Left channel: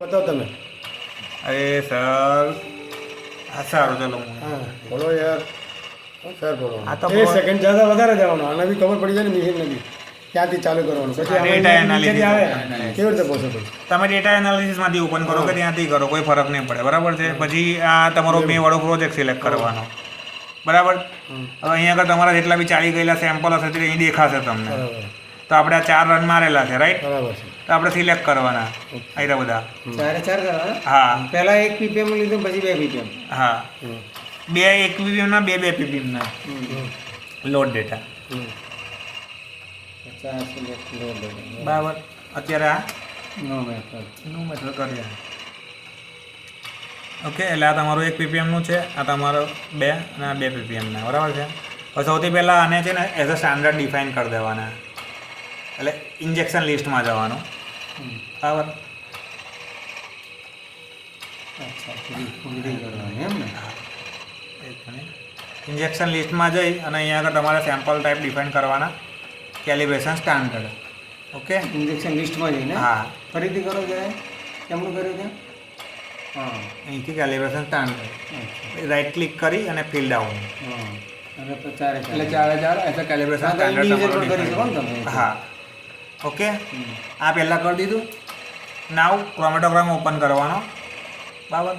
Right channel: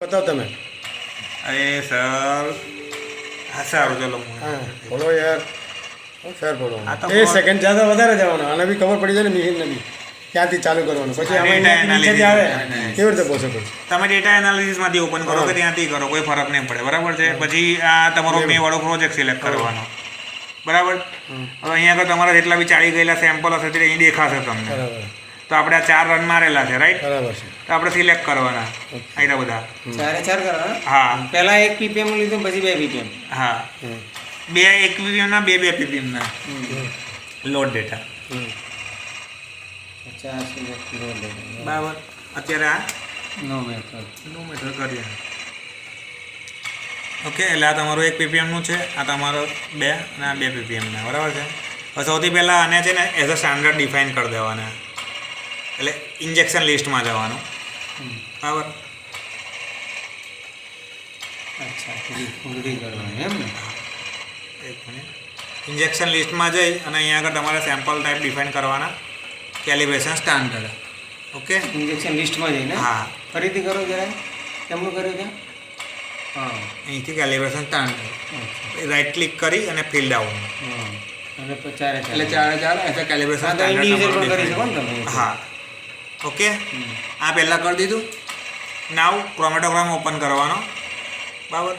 बताओ તમે अरे सर ऐसा चलो હા બોલો યાર ફેર બોલો આ તો એ સેકન્ડ જ્યાં વધારે જવાનું આને બી ખબર પડી જાય ને મિહિરને બી ક્યાંથી ચાલુ કરવાનું પછી આમાં Data અહીંયાથી નીચેથી આવે analysis. કેવી રીતે પોસિબલ તમે ડેટા એનાલિસિસમાંથી ઓપન કરો કે ત્યાંથી કરો કોઈ ફરક નહીં પડે બરાબર છે પછી આ તમારો મે વાળો પ્રોજેક્ટ સિલેક્ટ કરવાનો બરાબર હવે અહીંયા આગળ તમારા જેટલા બી ચાલી ગયેલા સેમ્પલ હશે તે અહીં દેખાશે તમને બરાબર તો આપણે આ 4 રન મારેલા છે રાઈટ બરાબર છે તો આપણે સિલેક્ટ કરવાના અહીંયા બધા ચારે ચાર કરવાના હા પહેલા 1 ppm નું લીધું પછી 2 ppm હા હમ. 2 1 ppm ના 2 ppm ના લોડ ડેટા હમ. 50 મિનિટ લોડ લેવાનું બરાબર અત્યારે આ નો મેથડ નું મેથડ કરીએ ઓકે એટલે આ તમારું 1 ppm નું છે આ તમારો 2 અને આ 2 ppm ના બરાબર છે હવે સૌથી પહેલાં આને છે ને એઝ અ સ્ટાન્ડર્ડ ડિફાઇન કરી દેવાના એટલે ઇન્જેક્શન લિસ્ટમાં જવાનું બરાબર અચ્છા પૂરી કરવાની એમ ને એક મિનિટ ઇન્જેક્શન લિસ્ટમાં જઈ અને અહીંયા આગળ તમારે સેમ્પલ ટાઈપ ડિફાઇન કરવાના કેલિબ્રેશન સ્ટાન્ડર્ડ ઓકે ઇન્જેક્શન લિસ્ટમાં જઈને હા ફરીથી કરો જરા કેમનું કર્યું છે હા અહીંથી કેલિબ્રેશન સ્ટાન્ડર્ડ અચ્છા રાઈટ ક્લિક કરી અને ફિલ ડાઉન હા અને પછી ચારે એટલે ચાલે એઝ અ કેલિબ્રેશન હા તો ઇન્ડિવિજ્યુઅલ પણ કરી શકો ને તમે હા ઓકે આ પહેલાં કરી દીધું નાવ ક્રોમેટોગ્રામ ઓપન કરવાનો બરાબર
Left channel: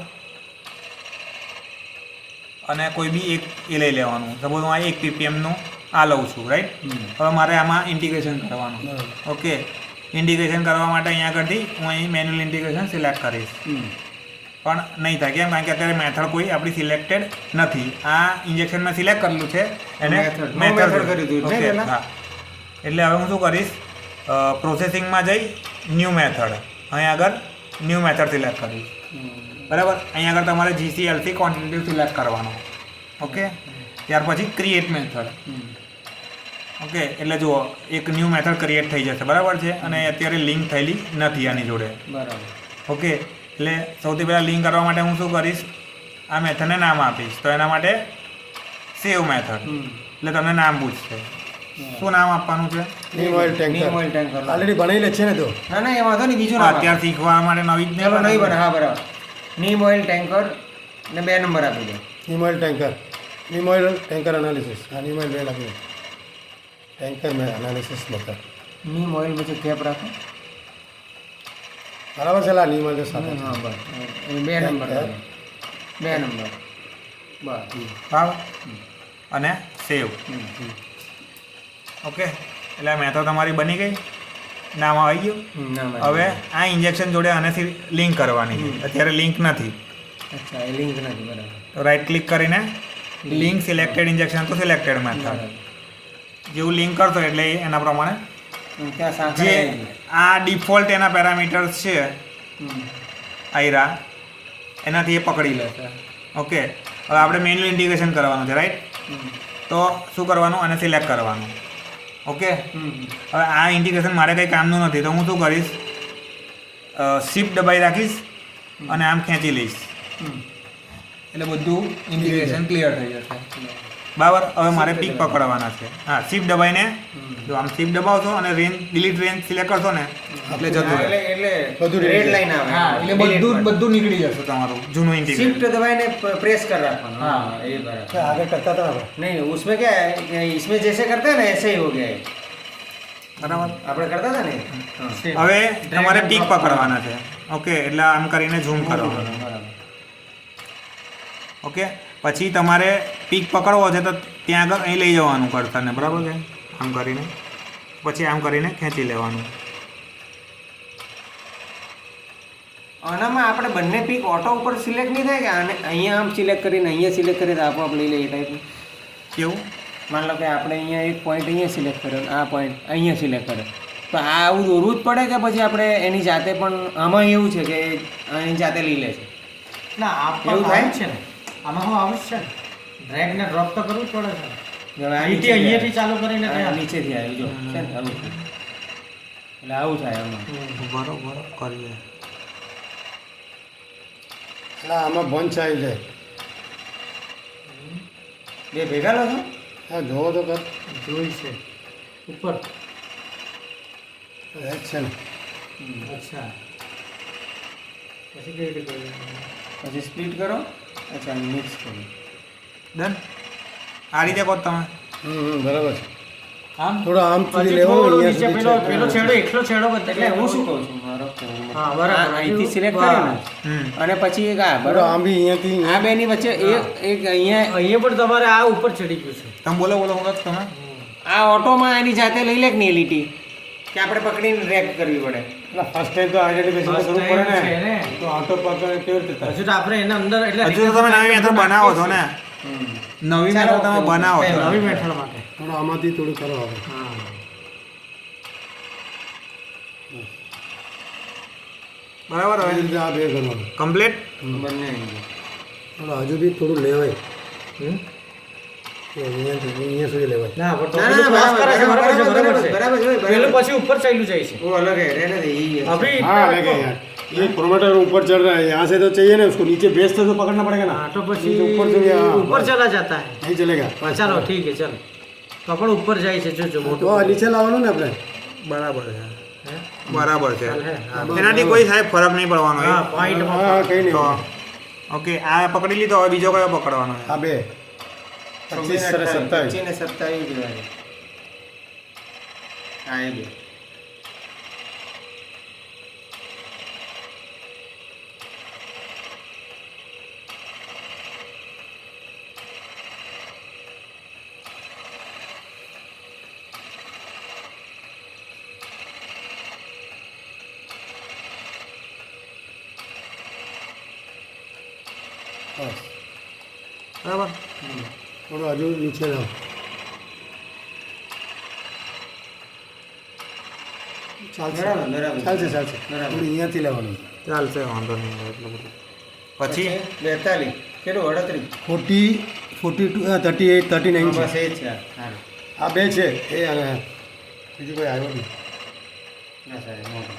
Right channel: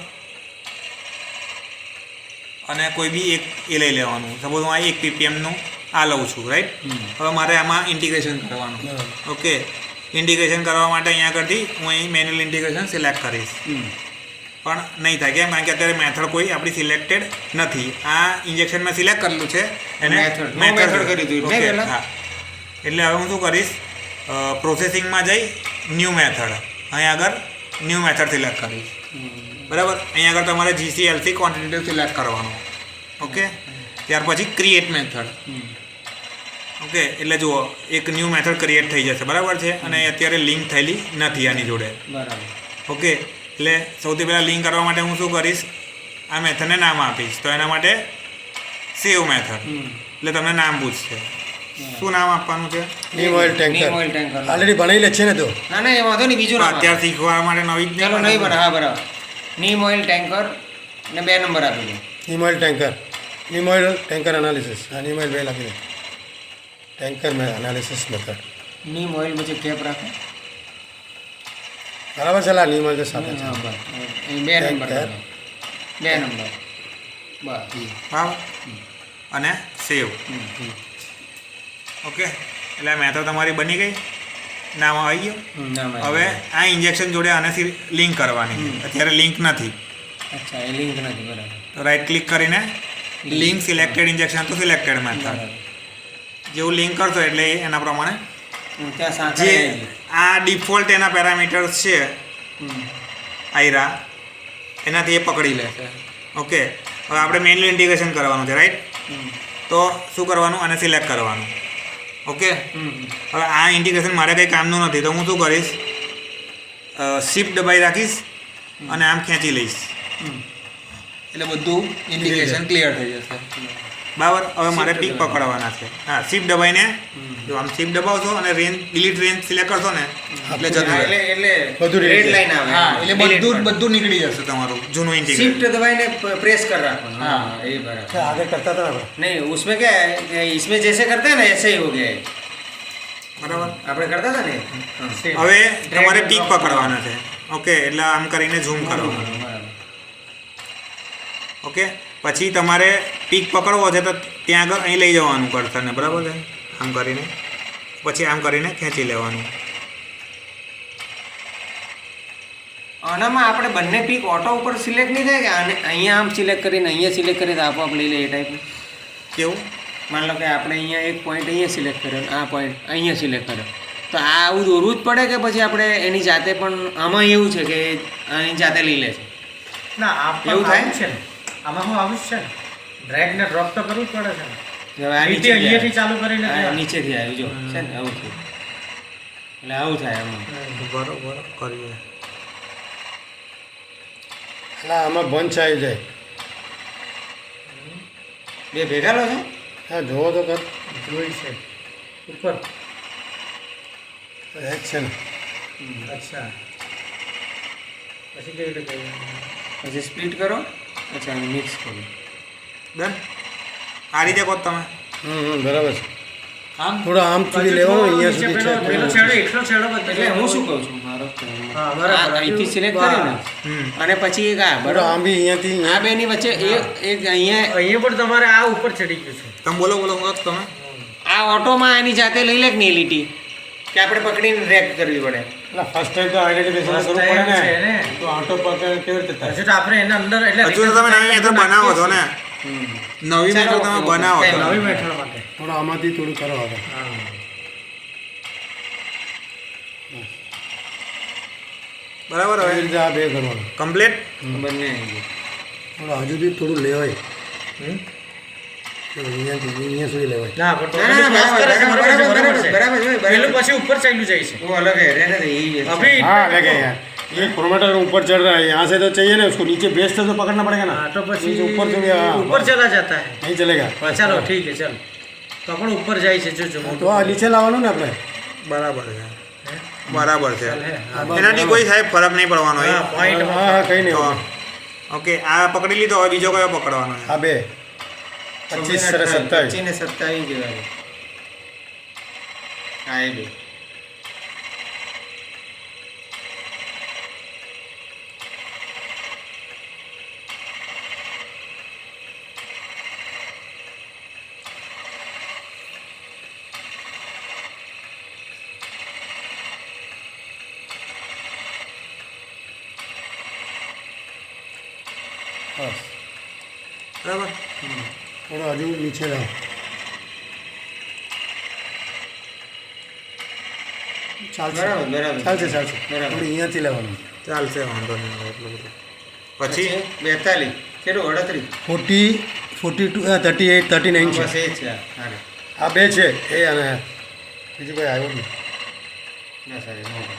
અને કોઈ બી એક એ લઈ લેવાનું સપોઝ હું આ 1 ppmનું આ લઉં છું રાઈટ હવે મારે આમાં ઇન્ટિગ્રેશન કરવાનું ઓકે ઇન્ટિગ્રેશન કરવા માટે અહીંયા આગળથી હું અહીં મેન્યુઅલ ઇન્ટિગ્રેશન સિલેક્ટ કરીશ પણ નહીં થાય કેમ કારણ કે અત્યારે મેથડ કોઈ આપણી સિલેક્ટેડ નથી આ ઇન્જેક્શન મેં સિલેક્ટ કરેલું છે એને method કરી દીધું ને Okay, પહેલા? હા એટલે હવે હું શું કરીશ પ્રોસેસિંગમાં જઈ ન્યૂ મેથડ અહીં આગળ ન્યૂ મેથડ સિલેક્ટ કરીશ બરાબર અહીં આગળ તમારે GCLC ક્વોન્ટિટેટિવ સિલેક્ટ કરવાનો ઓકે ત્યાર પછી ક્રિએટ મેથડ ઓકે એટલે જુઓ એક ન્યૂ મેથડ ક્રિએટ થઈ જશે બરાબર છે અને અત્યારે લિંક થયેલી નથી આની જોડે બરાબર ઓકે એટલે સૌથી પહેલાં લિંક કરવા માટે હું શું કરીશ આ મેથડને નામ આપીશ તો એના માટે સેવ મેથડ એટલે તમને નામ પૂછશે શું નામ આપવાનું છે નીમ ઓઇલ નીમ ટેન્કર ઓઇલ ટેન્કર ઓલરેડી બનાવી લે છે ને તો ના ના એ વાંધો નહીં બીજું નામ અત્યારે શીખવા માટે નવી જ ચાલો નહીં નહીં બને હા બરાબર નીમ ઓઇલ ટેન્કર ને 2 નંબર આપી દો નીમ ઓઇલ ટેન્કર નીમ ઓઇલ ટેન્કર એનાલિસિસ હા નીમ ઓઇલ બે લખી દો ટેન્કર એનાલિસિસ મેથડ નીમ ઓઇલ પછી કેપ રાખો બરાબર છે લા નીમ ઓઇલ સાથે છે હા બસ એ 2 નંબર ટેન્કર. 2 નંબર બસ ભાવ અને સેવ હમ. ઓકે એટલે આ મેથડ તમારી બની ગઈ નામ આવી ગયું નામ હવે આ ઇન્જેક્શન જોડે આને લિંક કરવાની છે અત્યારે લિંક નથી અચ્છા એ લિંક નથી બરાબર તો રાઈટ ક્લિક કરીને લિંક સિલેક્ટેડ ઇન્જેક્શન તો સિલેક્ટેડ મેથડ બરાબર જેવું લિંક કરશો એટલે એના પ્રમાણે ત્યાં જે સાંકળ આ ડિફોલ્ટ એના પેરામીટર્સ છે આયરા એનાથી એ પકડી લેશે ઓકે હવે આપણે મેન્યુઅલ ઇન્ટિગ્રેશન કરવાનું છે રાઈટ તો શું કરવાનું અને સિલેક્ટ કરવાનું ઓકે હવે આ ઇન્ટિગ્રેશન મારે કંઈ કામનું નથી તો હું શું કરીશ શિફ્ટ દબાઈ રાખીશ અને આમ ખેંચી લઈશ એટલે બધું ઇન્ટિગ્રેશન ક્લિયર થઈ જશે બરાબર હવે મારે પીક પકડવાના છે હા શિફ્ટ દબાઈને જો આમ શિફ્ટ દબાવશો અને રેન્જ ડિલીટ રેન્જ સિલેક્ટ કરશો ને એટલે જતું રહે. એટલે બધું રેડ read લાઈન આવે હા એટલે બધું નીકળી જશે તમારું જૂનું ઇન્ટિગ્રેશન शिफ्ट दबाने प्रेस कर रखा हाँ ये बराबर છે આગળ કરતા હતા આપણે नहीं उसमें क्या है कि इसमें जैसे करते हैं ना ऐसे ही हो गया है બરાબર આપણે કરતા હતા ને हाँ હવે તમારે પીક પકડવાના છે ઓકે એટલે આમ કરીને ઝૂમ કરવાનું બરાબર ઓકે પછી તમારે પીક પકડવો છે તો ત્યાં આગળ અહીં લઈ જવાનું કર્સરને બરાબર છે આમ કરીને પછી આમ કરીને ખેંચી લેવાનું આનામાં આપણે બંને પીક ઓટો ઉપર સિલેક્ટ નહીં થાય કે આને અહીંયા આમ સિલેક્ટ કરીને અહીંયા સિલેક્ટ કરીએ તો આપોઆપ લઈ લે એ ટાઈપનું કેવું માન લો કે આપણે અહીંયા એક પોઈન્ટ અહીંયા સિલેક્ટ કર્યો અને આ પોઈન્ટ અહીંયા સિલેક્ટ કર્યો તો આ આવું દોરવું જ પડે કે પછી આપણે એની જાતે પણ આમાં એવું છે કે એની જાતે લઈ લે છે ના એવું થાય? છે ને આમાં હું આવું જ છે ને ડ્રેગ ને ડ્રોપ તો કરવું જ પડે છે ને. હવે આ અહીંથી નીચેથી અહીંયાથી ચાલુ કરીને આવ્યું. આ ત્યાં. નીચેથી આવ્યું જો છે ને આવું થયું એટલે આવું થાય આમાં બરોબર કરીએ એટલે આમાં બંચ આવી જાય બે ભેગા લો છો હા જોવો તો કર જોઈ છે ઉપર એ જ છે ને અચ્છા પછી કેવી રીતે કરીએ? પછી સ્પ્લિટ કરો. અચ્છા મિક્સ કરો. ડન. આ રીતે કહો તમે. બરાબર છે. આમ થોડો આમ સુધી લેવાનો અહીંયા નીચે સુધી પેલો છે. પેલો છેડો એકલો છેડો બતાવો. એટલે હું શું કહું છું મારો હા, બરાબર. અહીંથી સિલેક્ટ કરીને અને પછી એક આ થોડો બરાબર આમ બી અહીંયાથી આ બેની વચ્ચે એક અહીંયા અહીંયા પણ તમારે આ ઉપર ચડી ગયું છે. તમે બોલો હું કહો છો તમે. આ ઓટોમાં એની જાતે લઈ લે કે નહીં લીટી કે આપણે પકડીને રેક કરવી પડે. એટલે ફર્સ્ટ ટાઈમ તો આઈડેન્ટિફિકેશન કરવું પડે છે ને ને. તો આટો પકડ કેવી રીતે થાય? હજુ તો આપણે એના અંદર એટલે હજુ તો તમે નવી મેથડ બનાવો છો ને. નવી મેથડ તમે બનાવો છો. નવી મેથડ માટે. થોડો આમાંથી થોડું કરો હવે. બરાબર આવી હવે રીતે આ બે કરવાનું. કમ્પ્લીટ. બંને થોડું હજુ બી થોડું લેવાય. તો અહીંયા સુધી લેવાય. ના પણ તો ના, ના, પેલું બરાબર, cross કરે છે, બરાબર, બરાબર બરાબર, છે. બરાબર છે, બરાબર. પેલું પછી ઉપર ચાલ્યું જાય છે. वो अलग है रहने दे यही है अभी हाँ लगे यार ये प्रोमोटर ऊपर चढ़ रहा है यहाँ से तो चाहिए ना उसको नीचे बेस से तो पकड़ना पड़ेगा ना हाँ, तो પછી नीचे ऊपर से भी हाँ, ऊपर बस। चला जाता है. नहीं चलेगा बस ચાલો ઠીક છે ચાલો તો આપણે ઉપર જાય છે જો તો આ નીચે લાવવાનું ને આપણે બરાબર છે. બરાબર છે. હા, બસ, એનાથી બરાબર. કોઈ સાહેબ ફરક નહીં પડવાનો હા પોઈન્ટ હા હા કંઈ નહીં તો હોય. ઓકે આ પકડી લીધો હવે બીજો કયો પકડવાનો છે? આ બે 25 અને 27 25 ને 27 જેવા છે. હા એ બે બસ બરાબર. થોડું હજુ નીચે લાવ ચાલશે બરાબર બરાબર ચાલશે ચાલશે બરાબર. થોડું અહીંયાથી લેવાનું ચાલશે વાંધો નહીં હવે એટલું બધું. પછી 42 કેટલું 38 42 38 39 છે બસ એ જ છે હા રે. આ બે છે એ અને બીજું કોઈ આવ્યો નહીં ના સાહેબ મોટો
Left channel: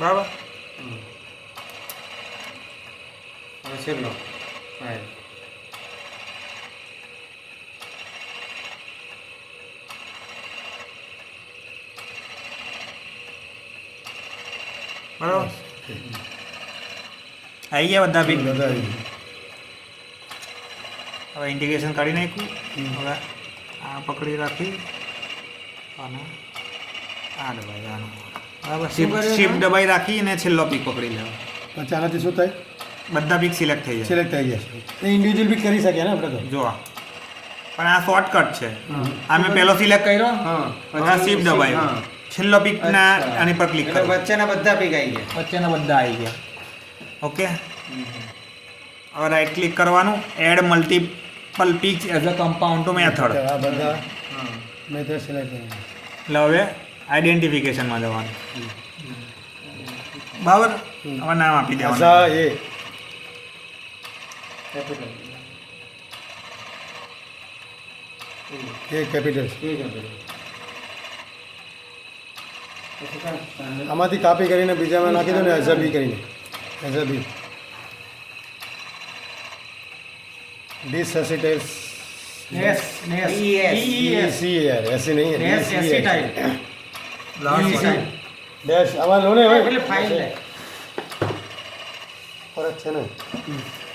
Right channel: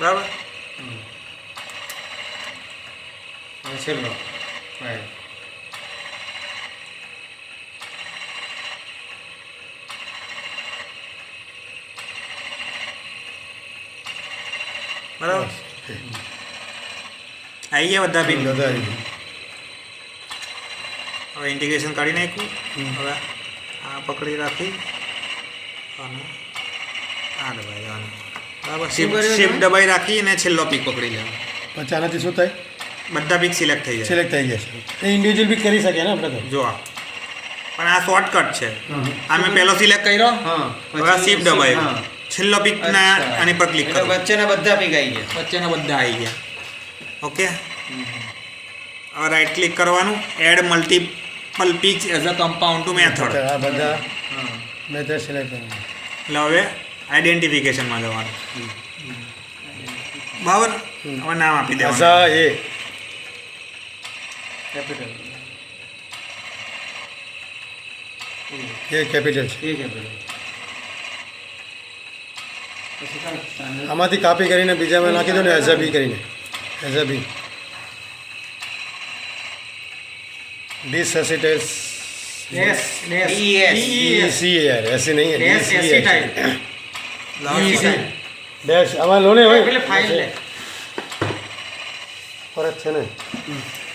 બરાબર. હવે છેલ્લો હા બરાબર. આવી ગયા બધા બિલ. બધા આવી ગયું. હવે ઇન્ટિગ્રેશન કાઢી નાખ્યું. હવે આ પકડી રાખી અને આ દબાઈ આનો બરાબર. શિફ્ટ દબાઈ રાખી અને છેલ્લો પીક પકડી લેવાનો. પછી આનાથી શું થાય બધા પીક સિલેક્ટ થઈ જાય. સિલેક્ટ થઈ ગયા છે એ ઇન્ડિવિજ્યુઅલ બી કરી શકીએ ને આપણે તો જો આ પણ આ શોર્ટકટ છે. આ મેં પહેલો સિલેક્ટ કર્યો. હા હવે શિફ્ટ દબાવ્યું. હા. છેલ્લો પીકના અચ્છા. આની પર ક્લિક એટલે કરો. વચ્ચેના બધા પીક આવી ગયા વચ્ચેના બધા આવી ગયા. ઓકે. હવે રાઈટ ક્લિક કરવાનું. Add multiple peaks as a compound to method. આ બધા હા મેથડ સિલેક્ટ કરવાનું એટલે હવે આઈડેન્ટિફિકેશનમાં જવાનું. બરાબર. હવે નામ આપી દેવાનું. આઝા એ કેપિટલ કેપિટલ છે એ કેપિટલ પછી કાંઈ standard. આમાંથી કાપી કરીને બીજામાં નાખી દો ને એઝ બી કરીને એઝ બી ડિસએસિટેસ ડેશ ડેશ DES. सी यार ऐसे नहीं है ડેશ DES એસી है ટાઈપ डैश आवाज लो ने પેલી ફાઇલ લે फरक છે ને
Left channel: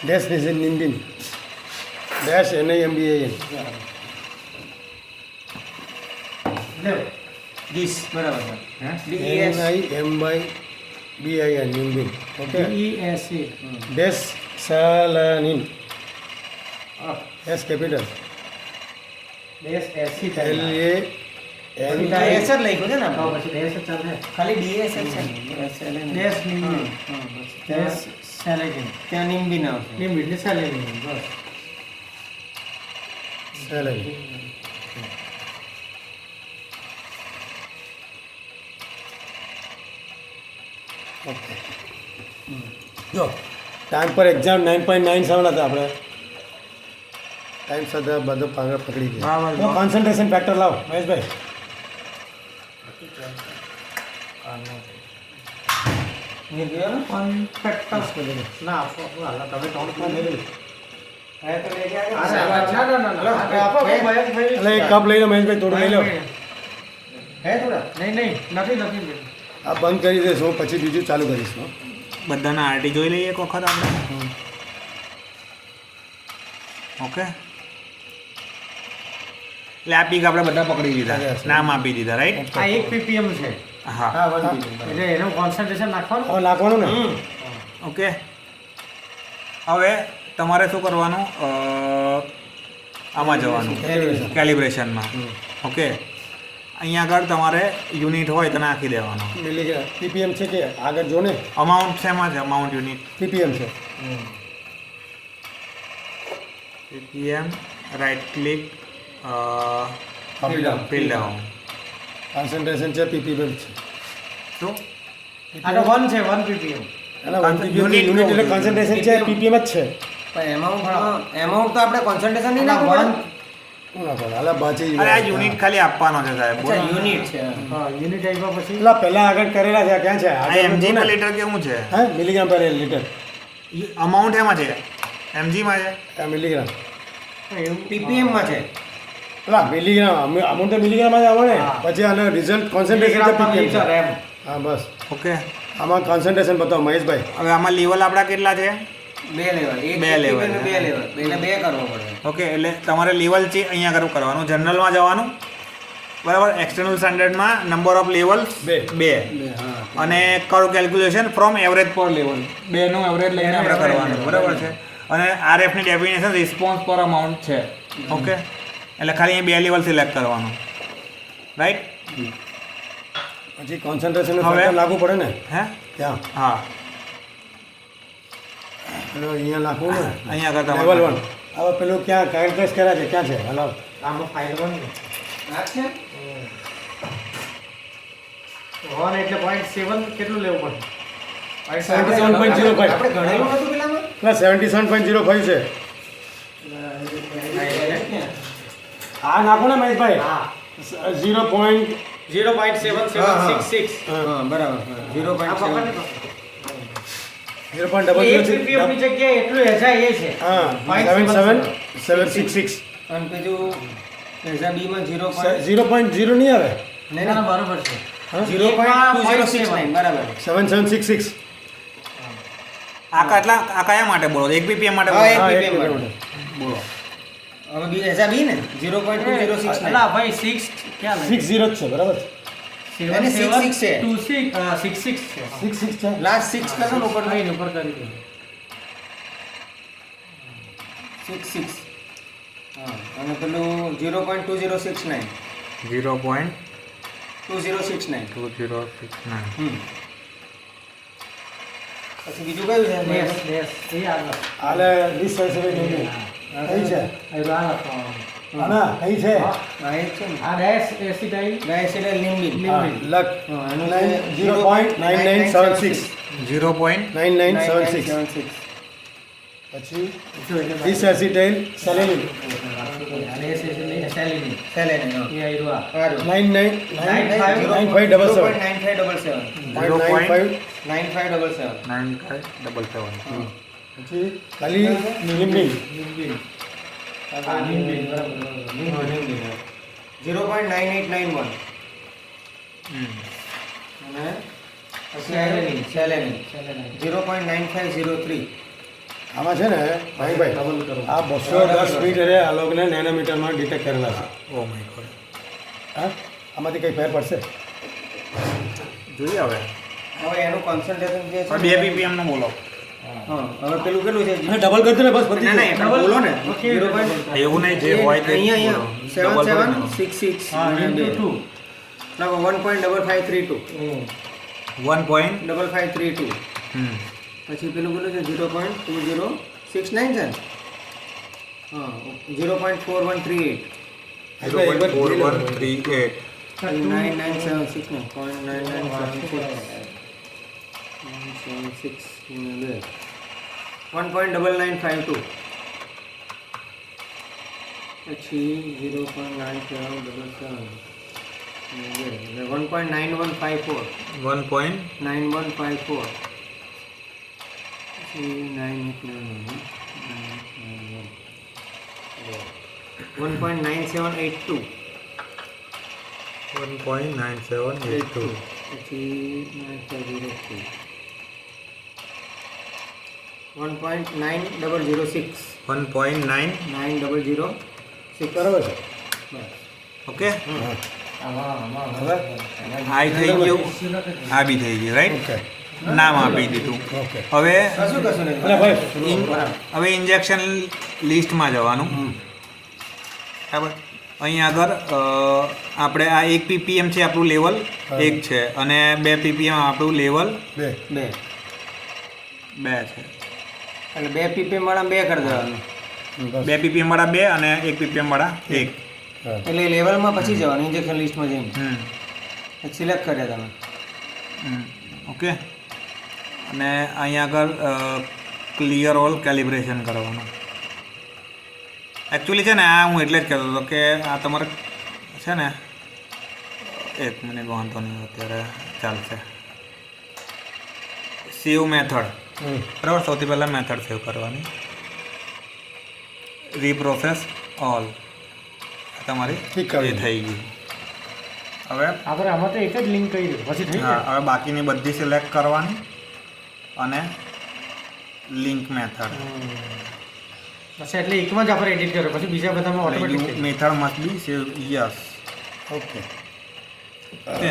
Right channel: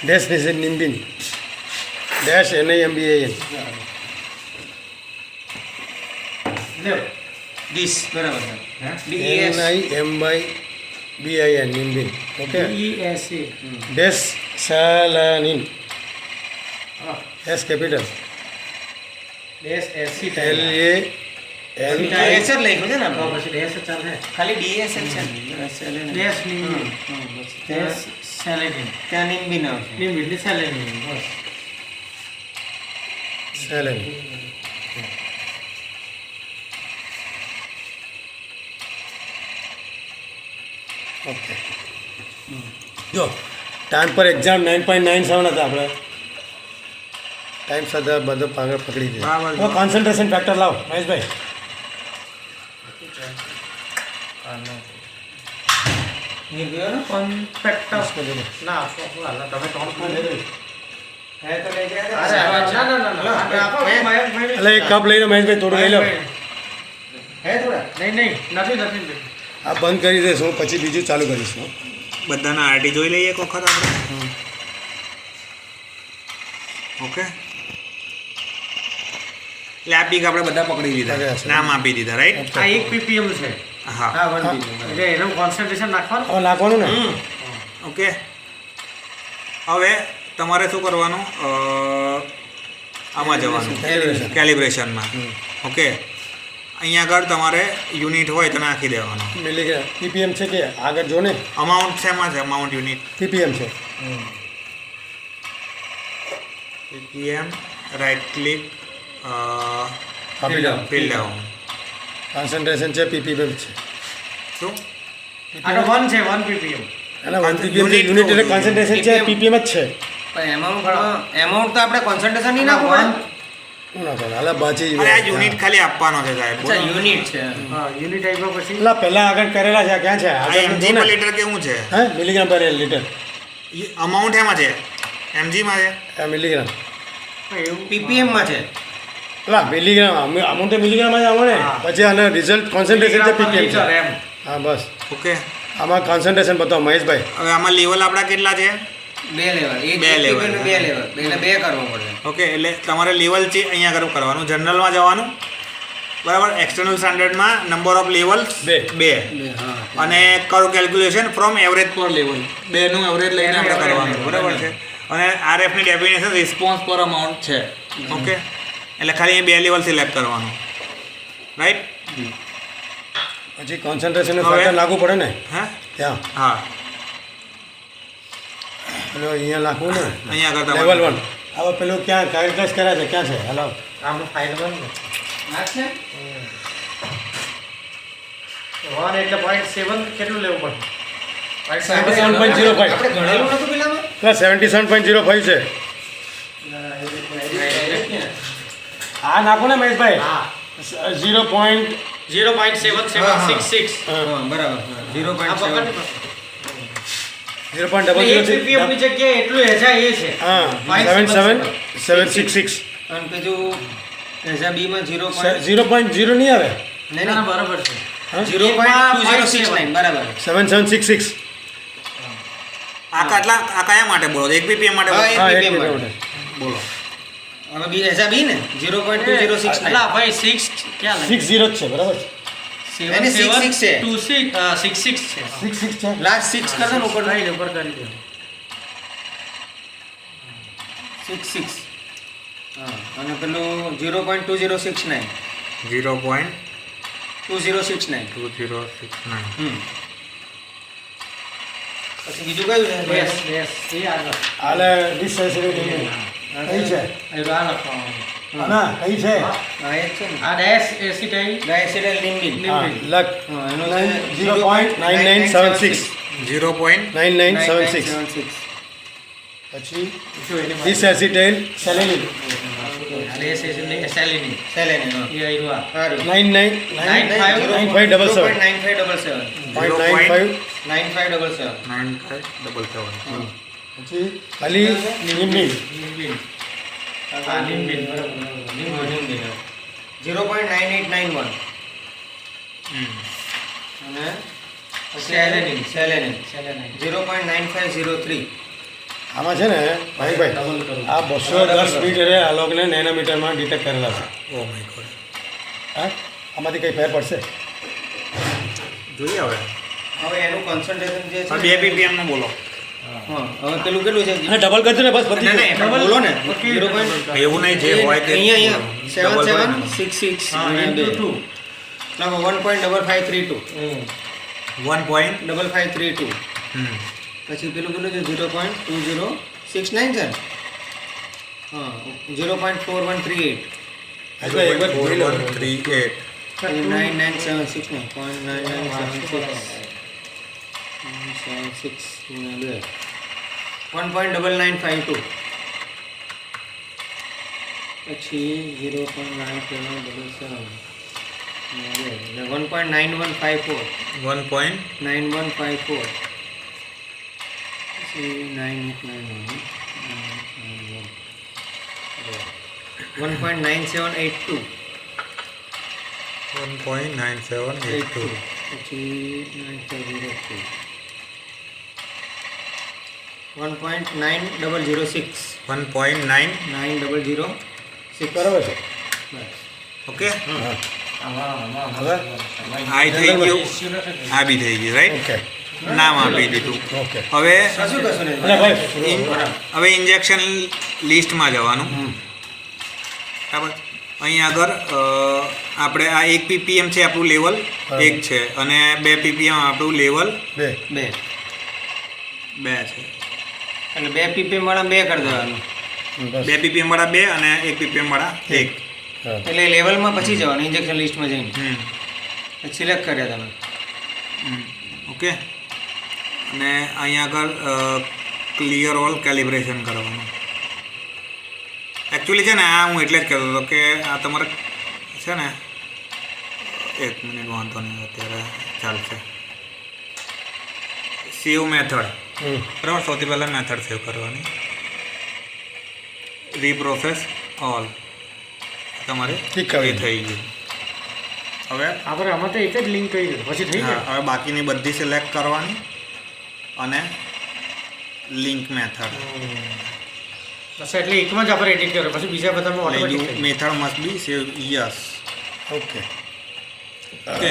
डैश ने से निम्बिन डैश NIMBAN લે This બરાબર છે હે DES. NIMBIN निम्बिन ओके DESA डैश सालानिन S capital dash AC L type A N DS જ લખ્યું છે ને તો આપણે. પછી ડેશ ચાલે ખાલી DS જ છે ને. SLN. ડેશ હા, નિમ્બી હા, બસ. ડેશ સેલેગિન ત્યાં નિમ્બિન આવશે નિમ્બી એટલે સેલેગિન બસ सालन ઓકે જો ટાઈમ પર એક્ઝામ 9.97 હતા આપણે ટાઈમ સાથે બધો પાગળ પકડી દે બરાબર. તો કોન્સન્ટ્રેશન ફેક્ટર લાવો મહેશભાઈ કોન્ફેક્ટસ ના તમે કોણ એટલે ના એક કપ લઈ લો મહેશભાઈ થોડું લઈ લો હે થોડા નહીં નથી આ બંધ કરી દઈશ હું, પછી બીજું ચાલુ કરીશ હું. બધાના આરટી જોઈ લઈએ એક વખત આપણે. ઓકે, એટલે આ પીક આપણે બધા પકડી લીધા, નામ આપી દીધા, રાઈટ? આ 1 ppm છે હા, હા 1 ppm એટલે એનું કોન્સન્ટ્રેશન નાખવાનું. હવે નાખવાનું ને. ઓકે. હવે તમારે શું કરવાનું, આમાં જવાનું કેલિબ્રેશનમાં. ઓકે, અહીંયા આગળ તમારે યુનિટ હોય તો નાખી દેવાનો. મિલીગ્રામ પીપીએમ છે કે આગળ જો ને, અમાઉન્ટ શેમાં છે? અમાઉન્ટ યુનિટ પીપીએમ છે. પીપીએમ, રાઇટ ક્લિક, આપી દો. Fill down. કોન્સન્ટ્રેશન છે પીપીએમ છે. શું? આનો 1 છે 1 ppm. અને 1 પીપીએમ યુનિટ એટલે કોન્સન્ટ્રેશન છે પીપીએમ જ છે. પણ એમાઉન્ટ તો આપણે કોન્સન્ટ્રેશન નહીં નાખવું પડે. શું નાખવાનું? હાલા બાજી અરે આ યુનિટ ખાલી આપવાનો છે સાહેબ. અચ્છા યુનિટ છે. હા યુનિટ આવ્યા પછી પેલા પહેલા આગળ કરેલા છે આ ક્યાં છે? આ આગળ એમજી જો પર ને. લીટર કેવું છે? હા મિલીગ્રામ પર લીટર. અમાઉન્ટ એમાં છે, એમજીમાં છે. આ મિલીગ્રામ. ppm માં છે. પેલા મિલીગ્રામ અમુક તો મિલીગ્રામમાં જ આવે ને. પછી આને રિઝલ્ટ કોન્સન્ટ્રેશન છે પીપીએમ છે. એમ હા બસ ઓકે. આમાં કોન્સન્ટ્રેશન બતાવો મહેશભાઈ. હવે આમાં લેવલ આપણા કેટલા છે? 2 લેવલ, એક બે ppm level. ને 2 લેવલ, એટલે 2 કરવો પડે. ઓકે, એટલે તમારે લેવલ છે અહીંયા આગળ કરવાનું, જનરલમાં જવાનું, બરાબર. એક્સટર્નલ સ્ટાન્ડર્ડમાં નંબર ઓફ લેવલ્સ બે. 2 હા અને કર્વ કેલ્ક્યુલેશન ફ્રોમ એવરેજ પર લેવલ, 2 નું એવરેજ લઈને આપણે કરવાનું, બરાબર છે. અને આરએફની ડેફિનેશન રિસ્પોન્સ પર અમાઉન્ટ છે. ઓકે, એટલે ખાલી અહીં 2 લેવલ સિલેક્ટ કરવાનું, રાઈટ? પછી કોન્સન્ટ્રેશન હવે? ફેક્ટર લાગુ પડે ને હે? ત્યાં. હા, પેલો અહીંયા નાખવું ને અહીંયા આગળ લેવલ તમારે 1. હવે પેલું ક્યાં કેરેક્ટર્સ કર્યા છે ક્યાં છે? હલાવ. આમાં ફાઇલ 1 આ છે 1 એટલે 0.7 કેટલું લેવું પડે? 77.05. આપણે ગણેલું નતું પેલામાં. પેલા 77.05 છે. આ નાખો ને મહેશભાઈ. હા 0. 0.7766. હા બરાબર હા, 0.7 આ પકડ 0.00. 1 ppm ની જગ્યાએ એટલું હેજા એ છે. હા 77766. અને પેલું એઝા બી માં 0. 0.0 નહીં આવે. નહીં ના, નહીં બરાબર છે. હા? 0.2069 બરાબર. 7766. આ કયા માટે બોલો? 1 ppm માટે હા, બોલો? હા 1 ppm ppm માટે. માટે. બોલો હવે બી એઝા બી ને 0.2069 અલા ભાઈ 6 ક્યાં લે? 60 જ છે બરાબર. એને 66 છે. 66 છે. 66 છે. લાસ્ટ 6 કરજો ને ઉપર નહીં ઉપર કરી દો. 66 હા અને પેલું 0.2069 0.2069. 2069 પછી બીજું કયું છે ડેશ એ આગળ આલે ડિસેચરેટિંગ કઈ છે? આ લખવાનું. આના કઈ છે? હા એ જ છે ને આ ડેશ એસિટાઇલ ડાયસિડલ નિમ્બિન હા, લખ. હા એનું 0.9976. 0.9976. પછી ડિસેસિટાઇલ સેલેનિન ડેશ એસિટાઇલ સેલિની સેલેનિન હા એ આયરું આ. સારું 9577. 0.95. 9577 9577. પછી ખાલી નિમ્બિન. નિમ્બિન. આ નિમ્બિન બરાબર નિમ્બિન. 0.9891 અને સેલેનિન. સેલેનિન સેલેનાઇટ. 0.9503 આમાં છે ને ભાઈ આ 210 મીટરે આ લોકોને નેનોમીટરમાં ડિટેક્ટ કરેલા છે. Oh my God. હા આમાંથી કંઈ ફેર પડશે? જોઈએ હવે. હવે એનું કોન્સન્ટ્રેશન જે છે 2 ppm નું બોલો. હા હવે પેલું કેટલું છે અને ડબલ કરજો ને બસ પતી નહીં, નહીં, પણ બોલો ને 0. એવું નહીં, જે હોય તે અહીંયા બોલો. 7766 હા into 2. ના 1.5532 1. પછી પેલું કેટલું છે 0.2069 છે ને હા 0.4138 ભાઈ એકવાર જોઈ લો. 138. 1.9952 પછી 0.9777 એટલે 1.9154 9154 પછી 9891 1.9782 1.9782 પછી 9.02 1.9006 1.9 9006 બરાબર છે. બસ. ઓકે હવે આ થઈ ગયું, આ બી થઈ ગયું, રાઈટ? ઓકે નામ આપી દીધું. ઓકે હવે કશું નહીં. અને ભાઈ હવે ઇન્જેક્શન લિસ્ટમાં જવાનું. બરાબર. અહીં આગળ આપણે આ 1 ppm છે આપણું લેવલ, બરાબર. 1 છે, અને 2 ppm આપણું લેવલ બે 2 2 છે. એટલે 2 ppm વાળા 2 કરી દેવાનું. બસ 2 ppm વાળા 2 અને 1 ppm વાળા 1. હા એટલે લેવલમાં પછી જવાનું ઇન્જેક્શન લિસ્ટમાં જઈને સિલેક્ટ કર્યા તમે. ઓકે. અને અહીં આગળ ક્લિયર ઓલ કેલિબ્રેશન કરવાનું. એકચ્યુઅલી છે ને આ હું એટલે જ કહેતો હતો કે આ તમારે છે ને 1 મિનિટ વાંધો નહીં, અત્યારે ચાલશે. સેવ મેથડ, બરાબર. સૌથી પહેલાં મેથડ સેવ કરવાની, રીપ્રોસેસ ઓલ, તમારે ઠીક એ થઈ ગયું. હવે આપણે આમાં તો એક જ લિંક કરી દીધું પછી થઈ હા, જાય. હવે બાકીની બધી સિલેક્ટ કરવાની અને લિંક મેથડ. બસ એટલે એકમાં જ આપણે એડિટ કર્યો પછી બીજા બધામાં ઓટોમેટિક થઈ method must be save yes. Okay okay.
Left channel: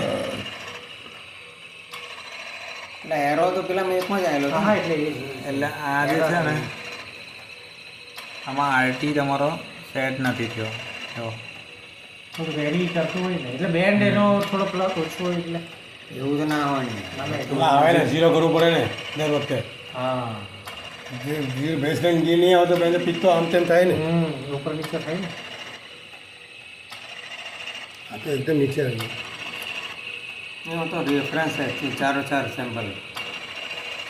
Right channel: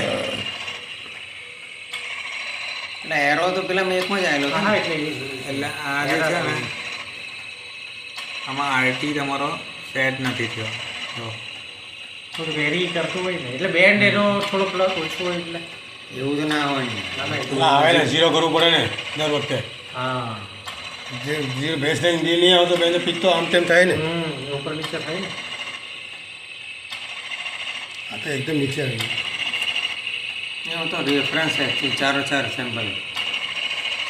એટલે એરો તો પેલા મેં એકમાં જ આવેલો જાય. હતો. હા એટલે એ જ. એટલે આ જે છે ને આમાં આરટી તમારો સેટ નથી થયો. જો થોડું વેરી કરતું હોય ને એટલે બેન્ડ એનો થોડો પ્લસ ઓછો હોય એટલે એવું તો ના હોય ને. પેલા આવે ને ઝીરો કરવું પડે ને દર વખતે. હા જે બેઝ લાઈન જે નહીં આવતો બેન પીક તો આમ તેમ થાય ને. ઉપર નીચે થાય ને. આ તો એકદમ નીચે આવી ગયું. એવું તો રેફરન્સ है कि चारों 4 सैंपल है,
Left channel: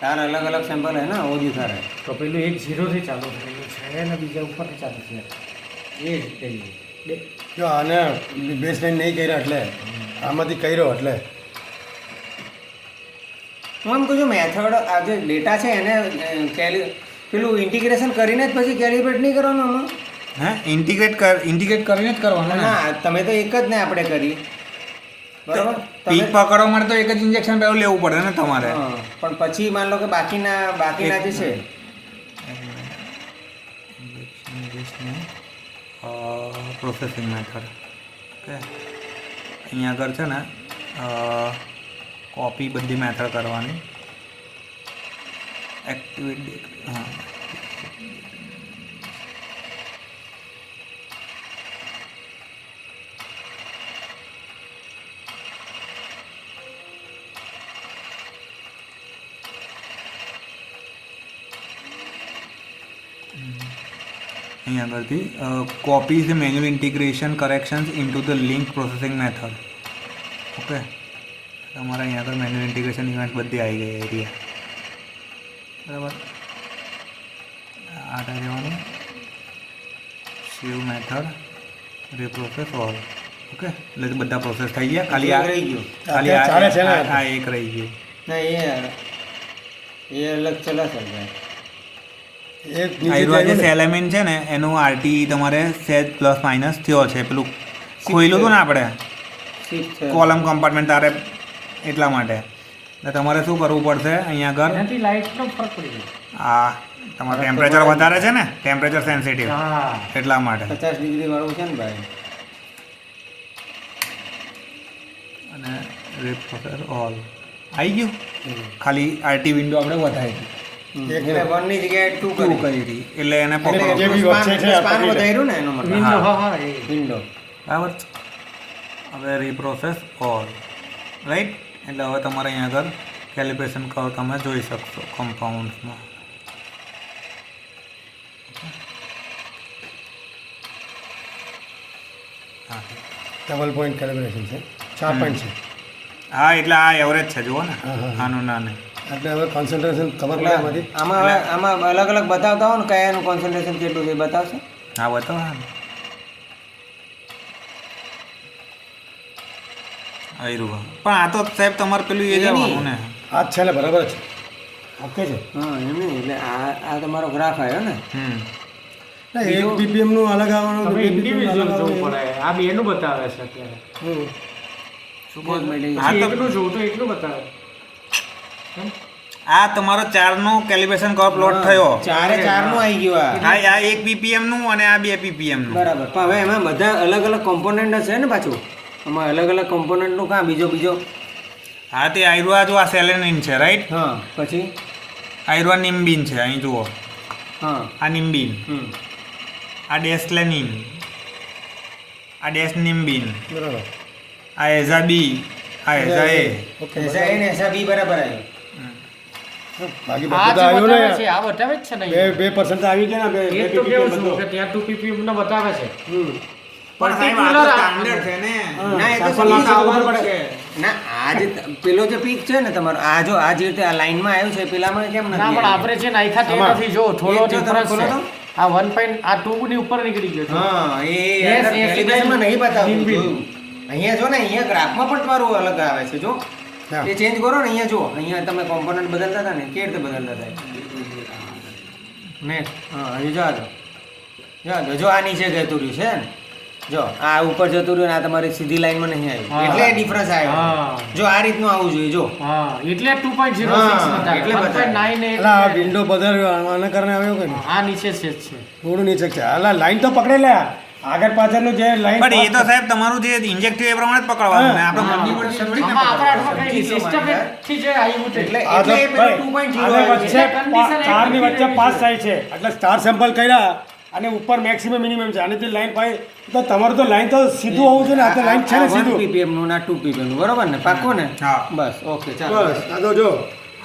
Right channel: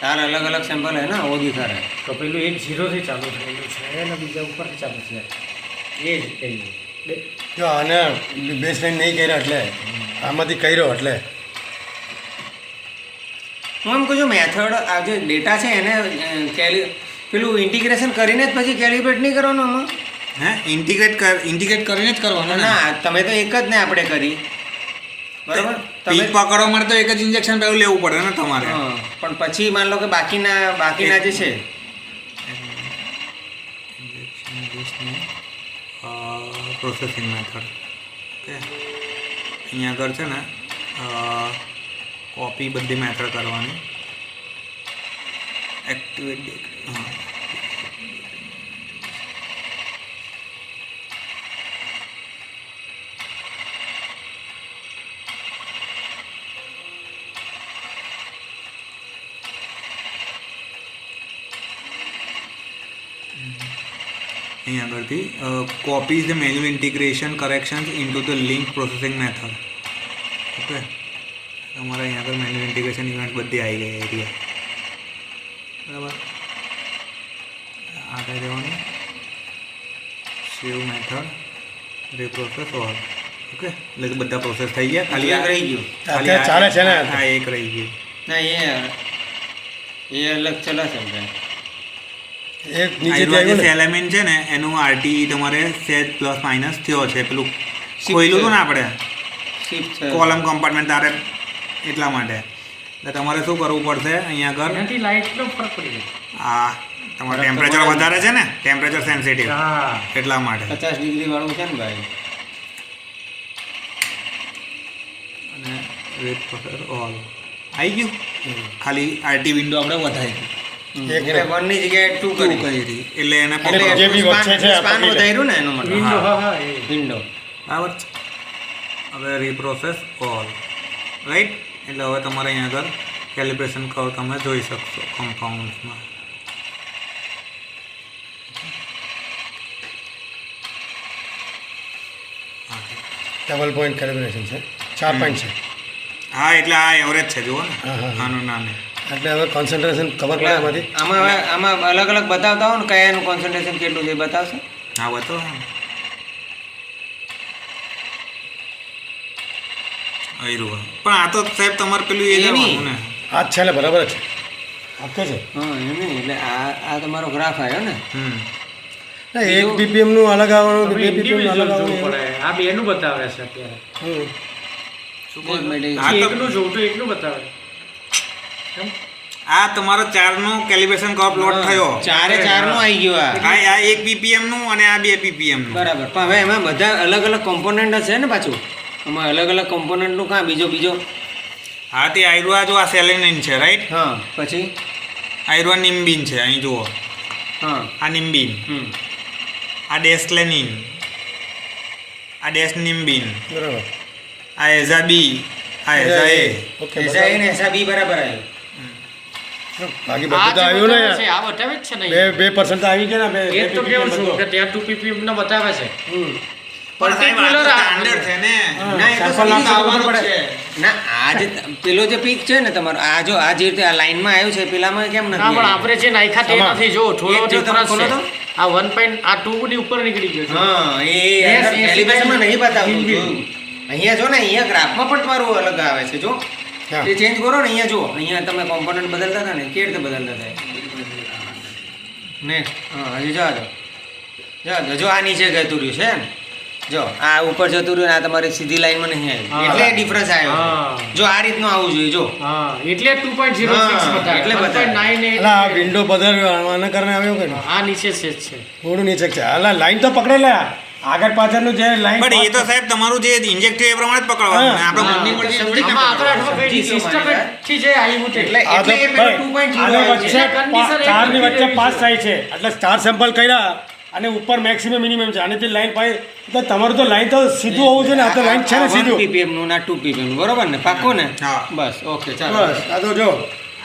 4 अलग अलग सैंपल है ना, वो दिखा रहा है. તો પેલું એક 0 થી ચાલુ થયેલું છે અને બીજા ઉપરથી ચાલુ છે એ જ કહીએ. જો આને બેઝ લાઈન નહીં કર્યા એટલે આમાંથી કર્યો એટલે હું એમ કહું છું મેથડ આ જે ડેટા છે એને પેલું ઇન્ટિગ્રેશન કરીને જ પછી કેલિબ્રેટ નહીં કરવાનું આમાં. હે ઇન્ટિગ્રેટ કરીને જ કરવાનું ને. ના તમે તો એક જ ને આપણે કરી બરાબર. પીક પકડવા માટે તો એક જ ઇન્જેક્શન પહેલું લેવું પડે ને તમારે. હા, પણ પછી માન લો કે બાકીના જે છે પ્રોસેસિંગ મેથડ. ઓકે. અહીંયા આગળ છે ને કોપી બધી મેથડ કરવાની. એક્ટિવેટ હા અહીં આગળથી copies the manual integration corrections into the link processing method. Okay. તમારે અહીં આગળ મેન્યુઅલ ઇન્ટિગ્રેશન ઇવેન્ટ બધી આવી ગઈ એરિયા. બરાબર. આ કરી દેવાનું સેવ મેથડ રીપ્રોસેસ ઓલ. ઓકે. એટલે બધા પ્રોસેસ થઈ ગયા. ખાલી એક રહી ગયું. ખાલી ચાલે છે ને આ એક રહી ગયું. ના એ અલગ ચલા ચલ રહા है. એક નીચે જે આવ્યું ને એલિમેન્ટ છે ને એનું આરટી તમારે સેજ પ્લસ માઇનસ થયો છે. પેલું ખોઈલું હતું ને આપણે શિફ્ટ કોલમ કમ્પાર્ટમેન્ટ તારે એટલા માટે. એટલે તમારે શું કરવું પડશે અહીંયા આગળ એનાથી લાઇટનો ફરક પડી ગયો. આ તમારે ટેમ્પરેચર વધારે છે ને, ટેમ્પરેચર સેન્સિટિવ, હા એટલા માટે. 50 ડિગ્રી વાળું છે ને ભાઈ. અને રીપ્રોસેસ ઓલ આવી ગયું. ખાલી આરટી વિન્ડો આપણે વધારી એક એટલે 1 ની જગ્યાએ 2 કરી કરી હતી. એટલે એને એટલે પકડો. જે બી વધશે છે આ સ્પાન પકડી લે. વધાર્યું ને એનો મતલબ. વિન્ડો હા હા એ વિન્ડો. બરાબર છે. હવે રીપ્રોસેસ ઓલ, રાઈટ. એટલે હવે તમારે અહીંયા આગળ કેલિબ્રેશન કર્વ તમે જોઈ શકશો કમ્પાઉન્ડ્સમાં. ડબલ પોઈન્ટ કેલિબ્રેશન છે 4 પોઈન્ટ છે. હા, એટલે આ એવરેજ છે જુઓ ને. હા, હા. આનું નાનું એટલે હવે કોન્સન્ટ્રેશન ખબર પડે આમાંથી. આમાં અલગ અલગ બતાવતા હો ને કયાનું કોન્સન્ટ્રેશન કેટલું છે એ બતાવશે. હા બતાવો. આવ્યું. પણ આ તો સાહેબ તમારે પેલું એ એ કરવાનું ને. આ જ છે ને બરાબર જ છે ઓકે છે. હા એમ નહીં એટલે આ તમારો ગ્રાફ આવ્યો ને. ના 1 ppm નું અલગ આવવાનું 2 ppm નું ઇન્ડિવિજ્યુઅલ અલગ જોવું આવવાનું પડે. આ બેનું બતાવે છે અત્યારે. એક મિનિટ. હા, તો- એકનું જોવું તો એકનું બતાવે કેમ? આ તમારો 4નો કેલિબ્રેશન કર્વ પ્લોટ થયો. ચારે ચારનું આવી ગયું આ. આ 1 ppm નું અને આ 2 ppm નું. બરાબર. પણ હવે એમાં બધા અલગ અલગ કોમ્પોનન્ટ છે ને પાછું, એમાં અલગ અલગ કોમ્પોનન્ટનું કાં બીજો હા, તે આયરુઆ જો આ સેલેનિન છે, રાઈટ? હા પછી આયરુઆ નિમ્બિન છે, અહીં જુઓ. હા આ નિમ્બિન, આ ડેસ્લેનિન, આ ડેસ્નિમ્બિન, બરાબર. આ એઝાબી, આ એઝા એ. ઓકે એસા એ ને એસા બી બરાબર આવ્યું. બાકી આ બધું તો જે આવ્યું ને બતાવે છે, યાર. આ બતાવે જ છે ને બે 2% તો આવી ગયા ને, એ બે તો બે કેવું PPM છું બધું. કે ત્યાં 2 ppm નો બતાવે છે પણ સાહેબ, આ તો Particular standard છે ને. ના, એ તો sample સમજી આપવા જવું પડે. પડે. ના આ જે પેલો જે પીક છે ને તમારો, આ જો આ જે રીતે આ લાઈનમાં આવ્યું છે પેલામાં કેમ ના નથી પણ આવ્યું? આપણે જે નાખ્યા તે આમાં. નથી જો થોડો એક જો તમે difference ખોલો છે. તો. આ 1. આ 2 ની ઉપર નીકળી ગયો છે હા એ Yes, અંદર yes, કેલિબ્રેશનમાં નહીં બતાવતું બિલકુલ. જોયું. અહીંયા જો ને અહીંયા ગ્રાફમાં પણ તમારું અલગ આવે છે જો. હા. એ ચેન્જ કરો ને અહીંયા જુઓ, અહીંયા તમે કોમ્પોનન્ટ બદલતા હતા ને કેવી રીતે બદલતા હતા નેક્સ્ટ. હા હજી જવા દો જો આ નીચે જતું રહ્યું છે ને, જો આ ઉપર જતું રહ્યું ને આ તમારી સીધી લાઈનમાં નહીં આવ્યું, હા. એટલે ડિફરન્સ આવ્યો. હા. જો આ રીતનું આવવું જોઈએ જો. હા એટલે 2.06 હા, બતાવે એટલે બતાવે. 1.9 અલા આ વિન્ડો બદલ્યો આના કારણે આવ્યો કે નહીં? આ નીચે છે જ છે થોડું નીચે છે. અલા લાઈન તો પકડેલા આગળ પાછળનું જે લાઈન પણ એ તો સાહેબ તમારું જે ઇન્જેક્ટિવ એ પ્રમાણે જ પકડવાનું ને. આપણે મનની મરજી થોડી ના આમાં આપણા હાથમાં કઈ સમજી ગયો સિસ્ટમ મારી થી જે આવ્યું છે એટલે આ તો એટલે એ પેલું ભાઈ, 2.0 આને આવ્યું વચ્ચે છે. condition એક ચારની વચ્ચે નથી પાસ રહેવી થાય છે એટલે સ્ટાર સેમ્પલ કર્યા અને ઉપર મેક્સિમમ મિનિમમ છે અને જે લાઈન પાય તો તમારું તો લાઈન તો સીધું હોવું જોઈએ ને. આ તો લાઈન છે ને આ 1 સીધું. ppm નું ના 2 ppm નું બરોબર ને, પાક્કું ને? હા. બસ ઓકે ચાલો. બસ આ તો જો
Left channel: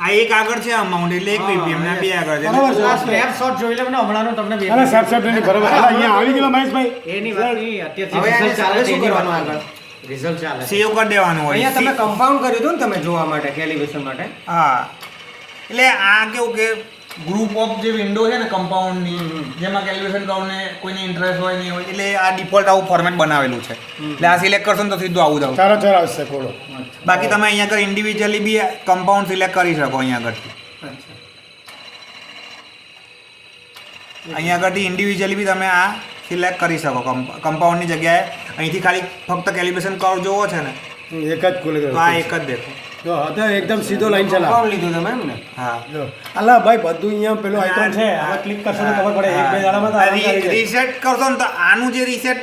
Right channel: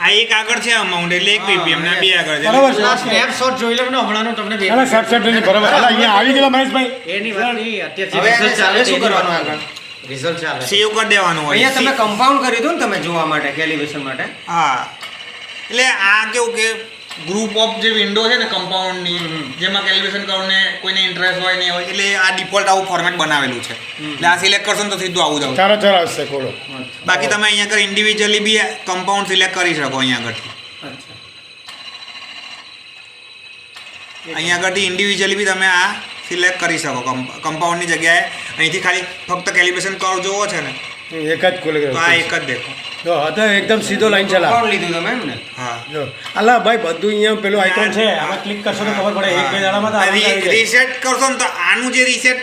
આ એક આગળ છે અમાઉન્ટ એટલે 1 ppm ના 2 આગળ છે. બરાબર છે. આ સ્નેપશોટ જોઈ લો ને હમણાંનો તમને બે અલા સબસેટ નહીં બરાબર. અલા અહીંયા આવી ગયેલા મહેશભાઈ. એની વાત નહીં હવે અત્યારથી result ચાલે હવે શું તેની કરવાનું વાત આગળ? નહીં. result ચાલે સેવ કરી દેવાનું હોય. અહીંયા તમે કમ્પાઉન્ડ કર્યું હતું ને તમે જોવા માટે, કેલિબ્રેશન માટે. હા, એટલે આ કેવું કે ગ્રુપ ઓફ જે વિન્ડો છે ને કમ્પાઉન્ડની, જેમાં કેલિબ્રેશન કર્વને કોઈને ઇન્ટરેસ્ટ હોય નહીં હોય, એટલે આ ડિફોલ્ટ આવું ફોર્મેટ બનાવેલું છે. એટલે આ સિલેક્ટ કરશો ને તો સીધું આવું જ આવશે. ચાલો ચાલો આવશે ખોલો. બાકી તમે અહીંયા આગળ ઇન્ડિવિજ્યુઅલી બી કમ્પાઉન્ડ સિલેક્ટ કરી શકો. અહીંયા આગળથી અચ્છા. અહીંયા આગળથી ઇન્ડિવિજ્યુઅલી બી તમે આ સિલેક્ટ કરી શકો. કમ્પાઉન્ડની જગ્યાએ અહીંથી ખાલી ફક્ત કેલિબ્રેશન કર્વ જોવો છે ને એક જ ખુલી તો આ ગયો. એક જ દેખો. જો હતા એકદમ સીધો લાઈન ચલા. કમ્પાઉન્ડ લીધું તમે એમ ને? હા, જો અલા ભાઈ બધું અહીંયા પેલું આઇકોન છે આમાં ક્લિક કરશો તો ખબર પડે. એક બે દાડામાં તો આરામથી આવી જાય. રીસેટ કરશો ને તો આનું જે રીસેટ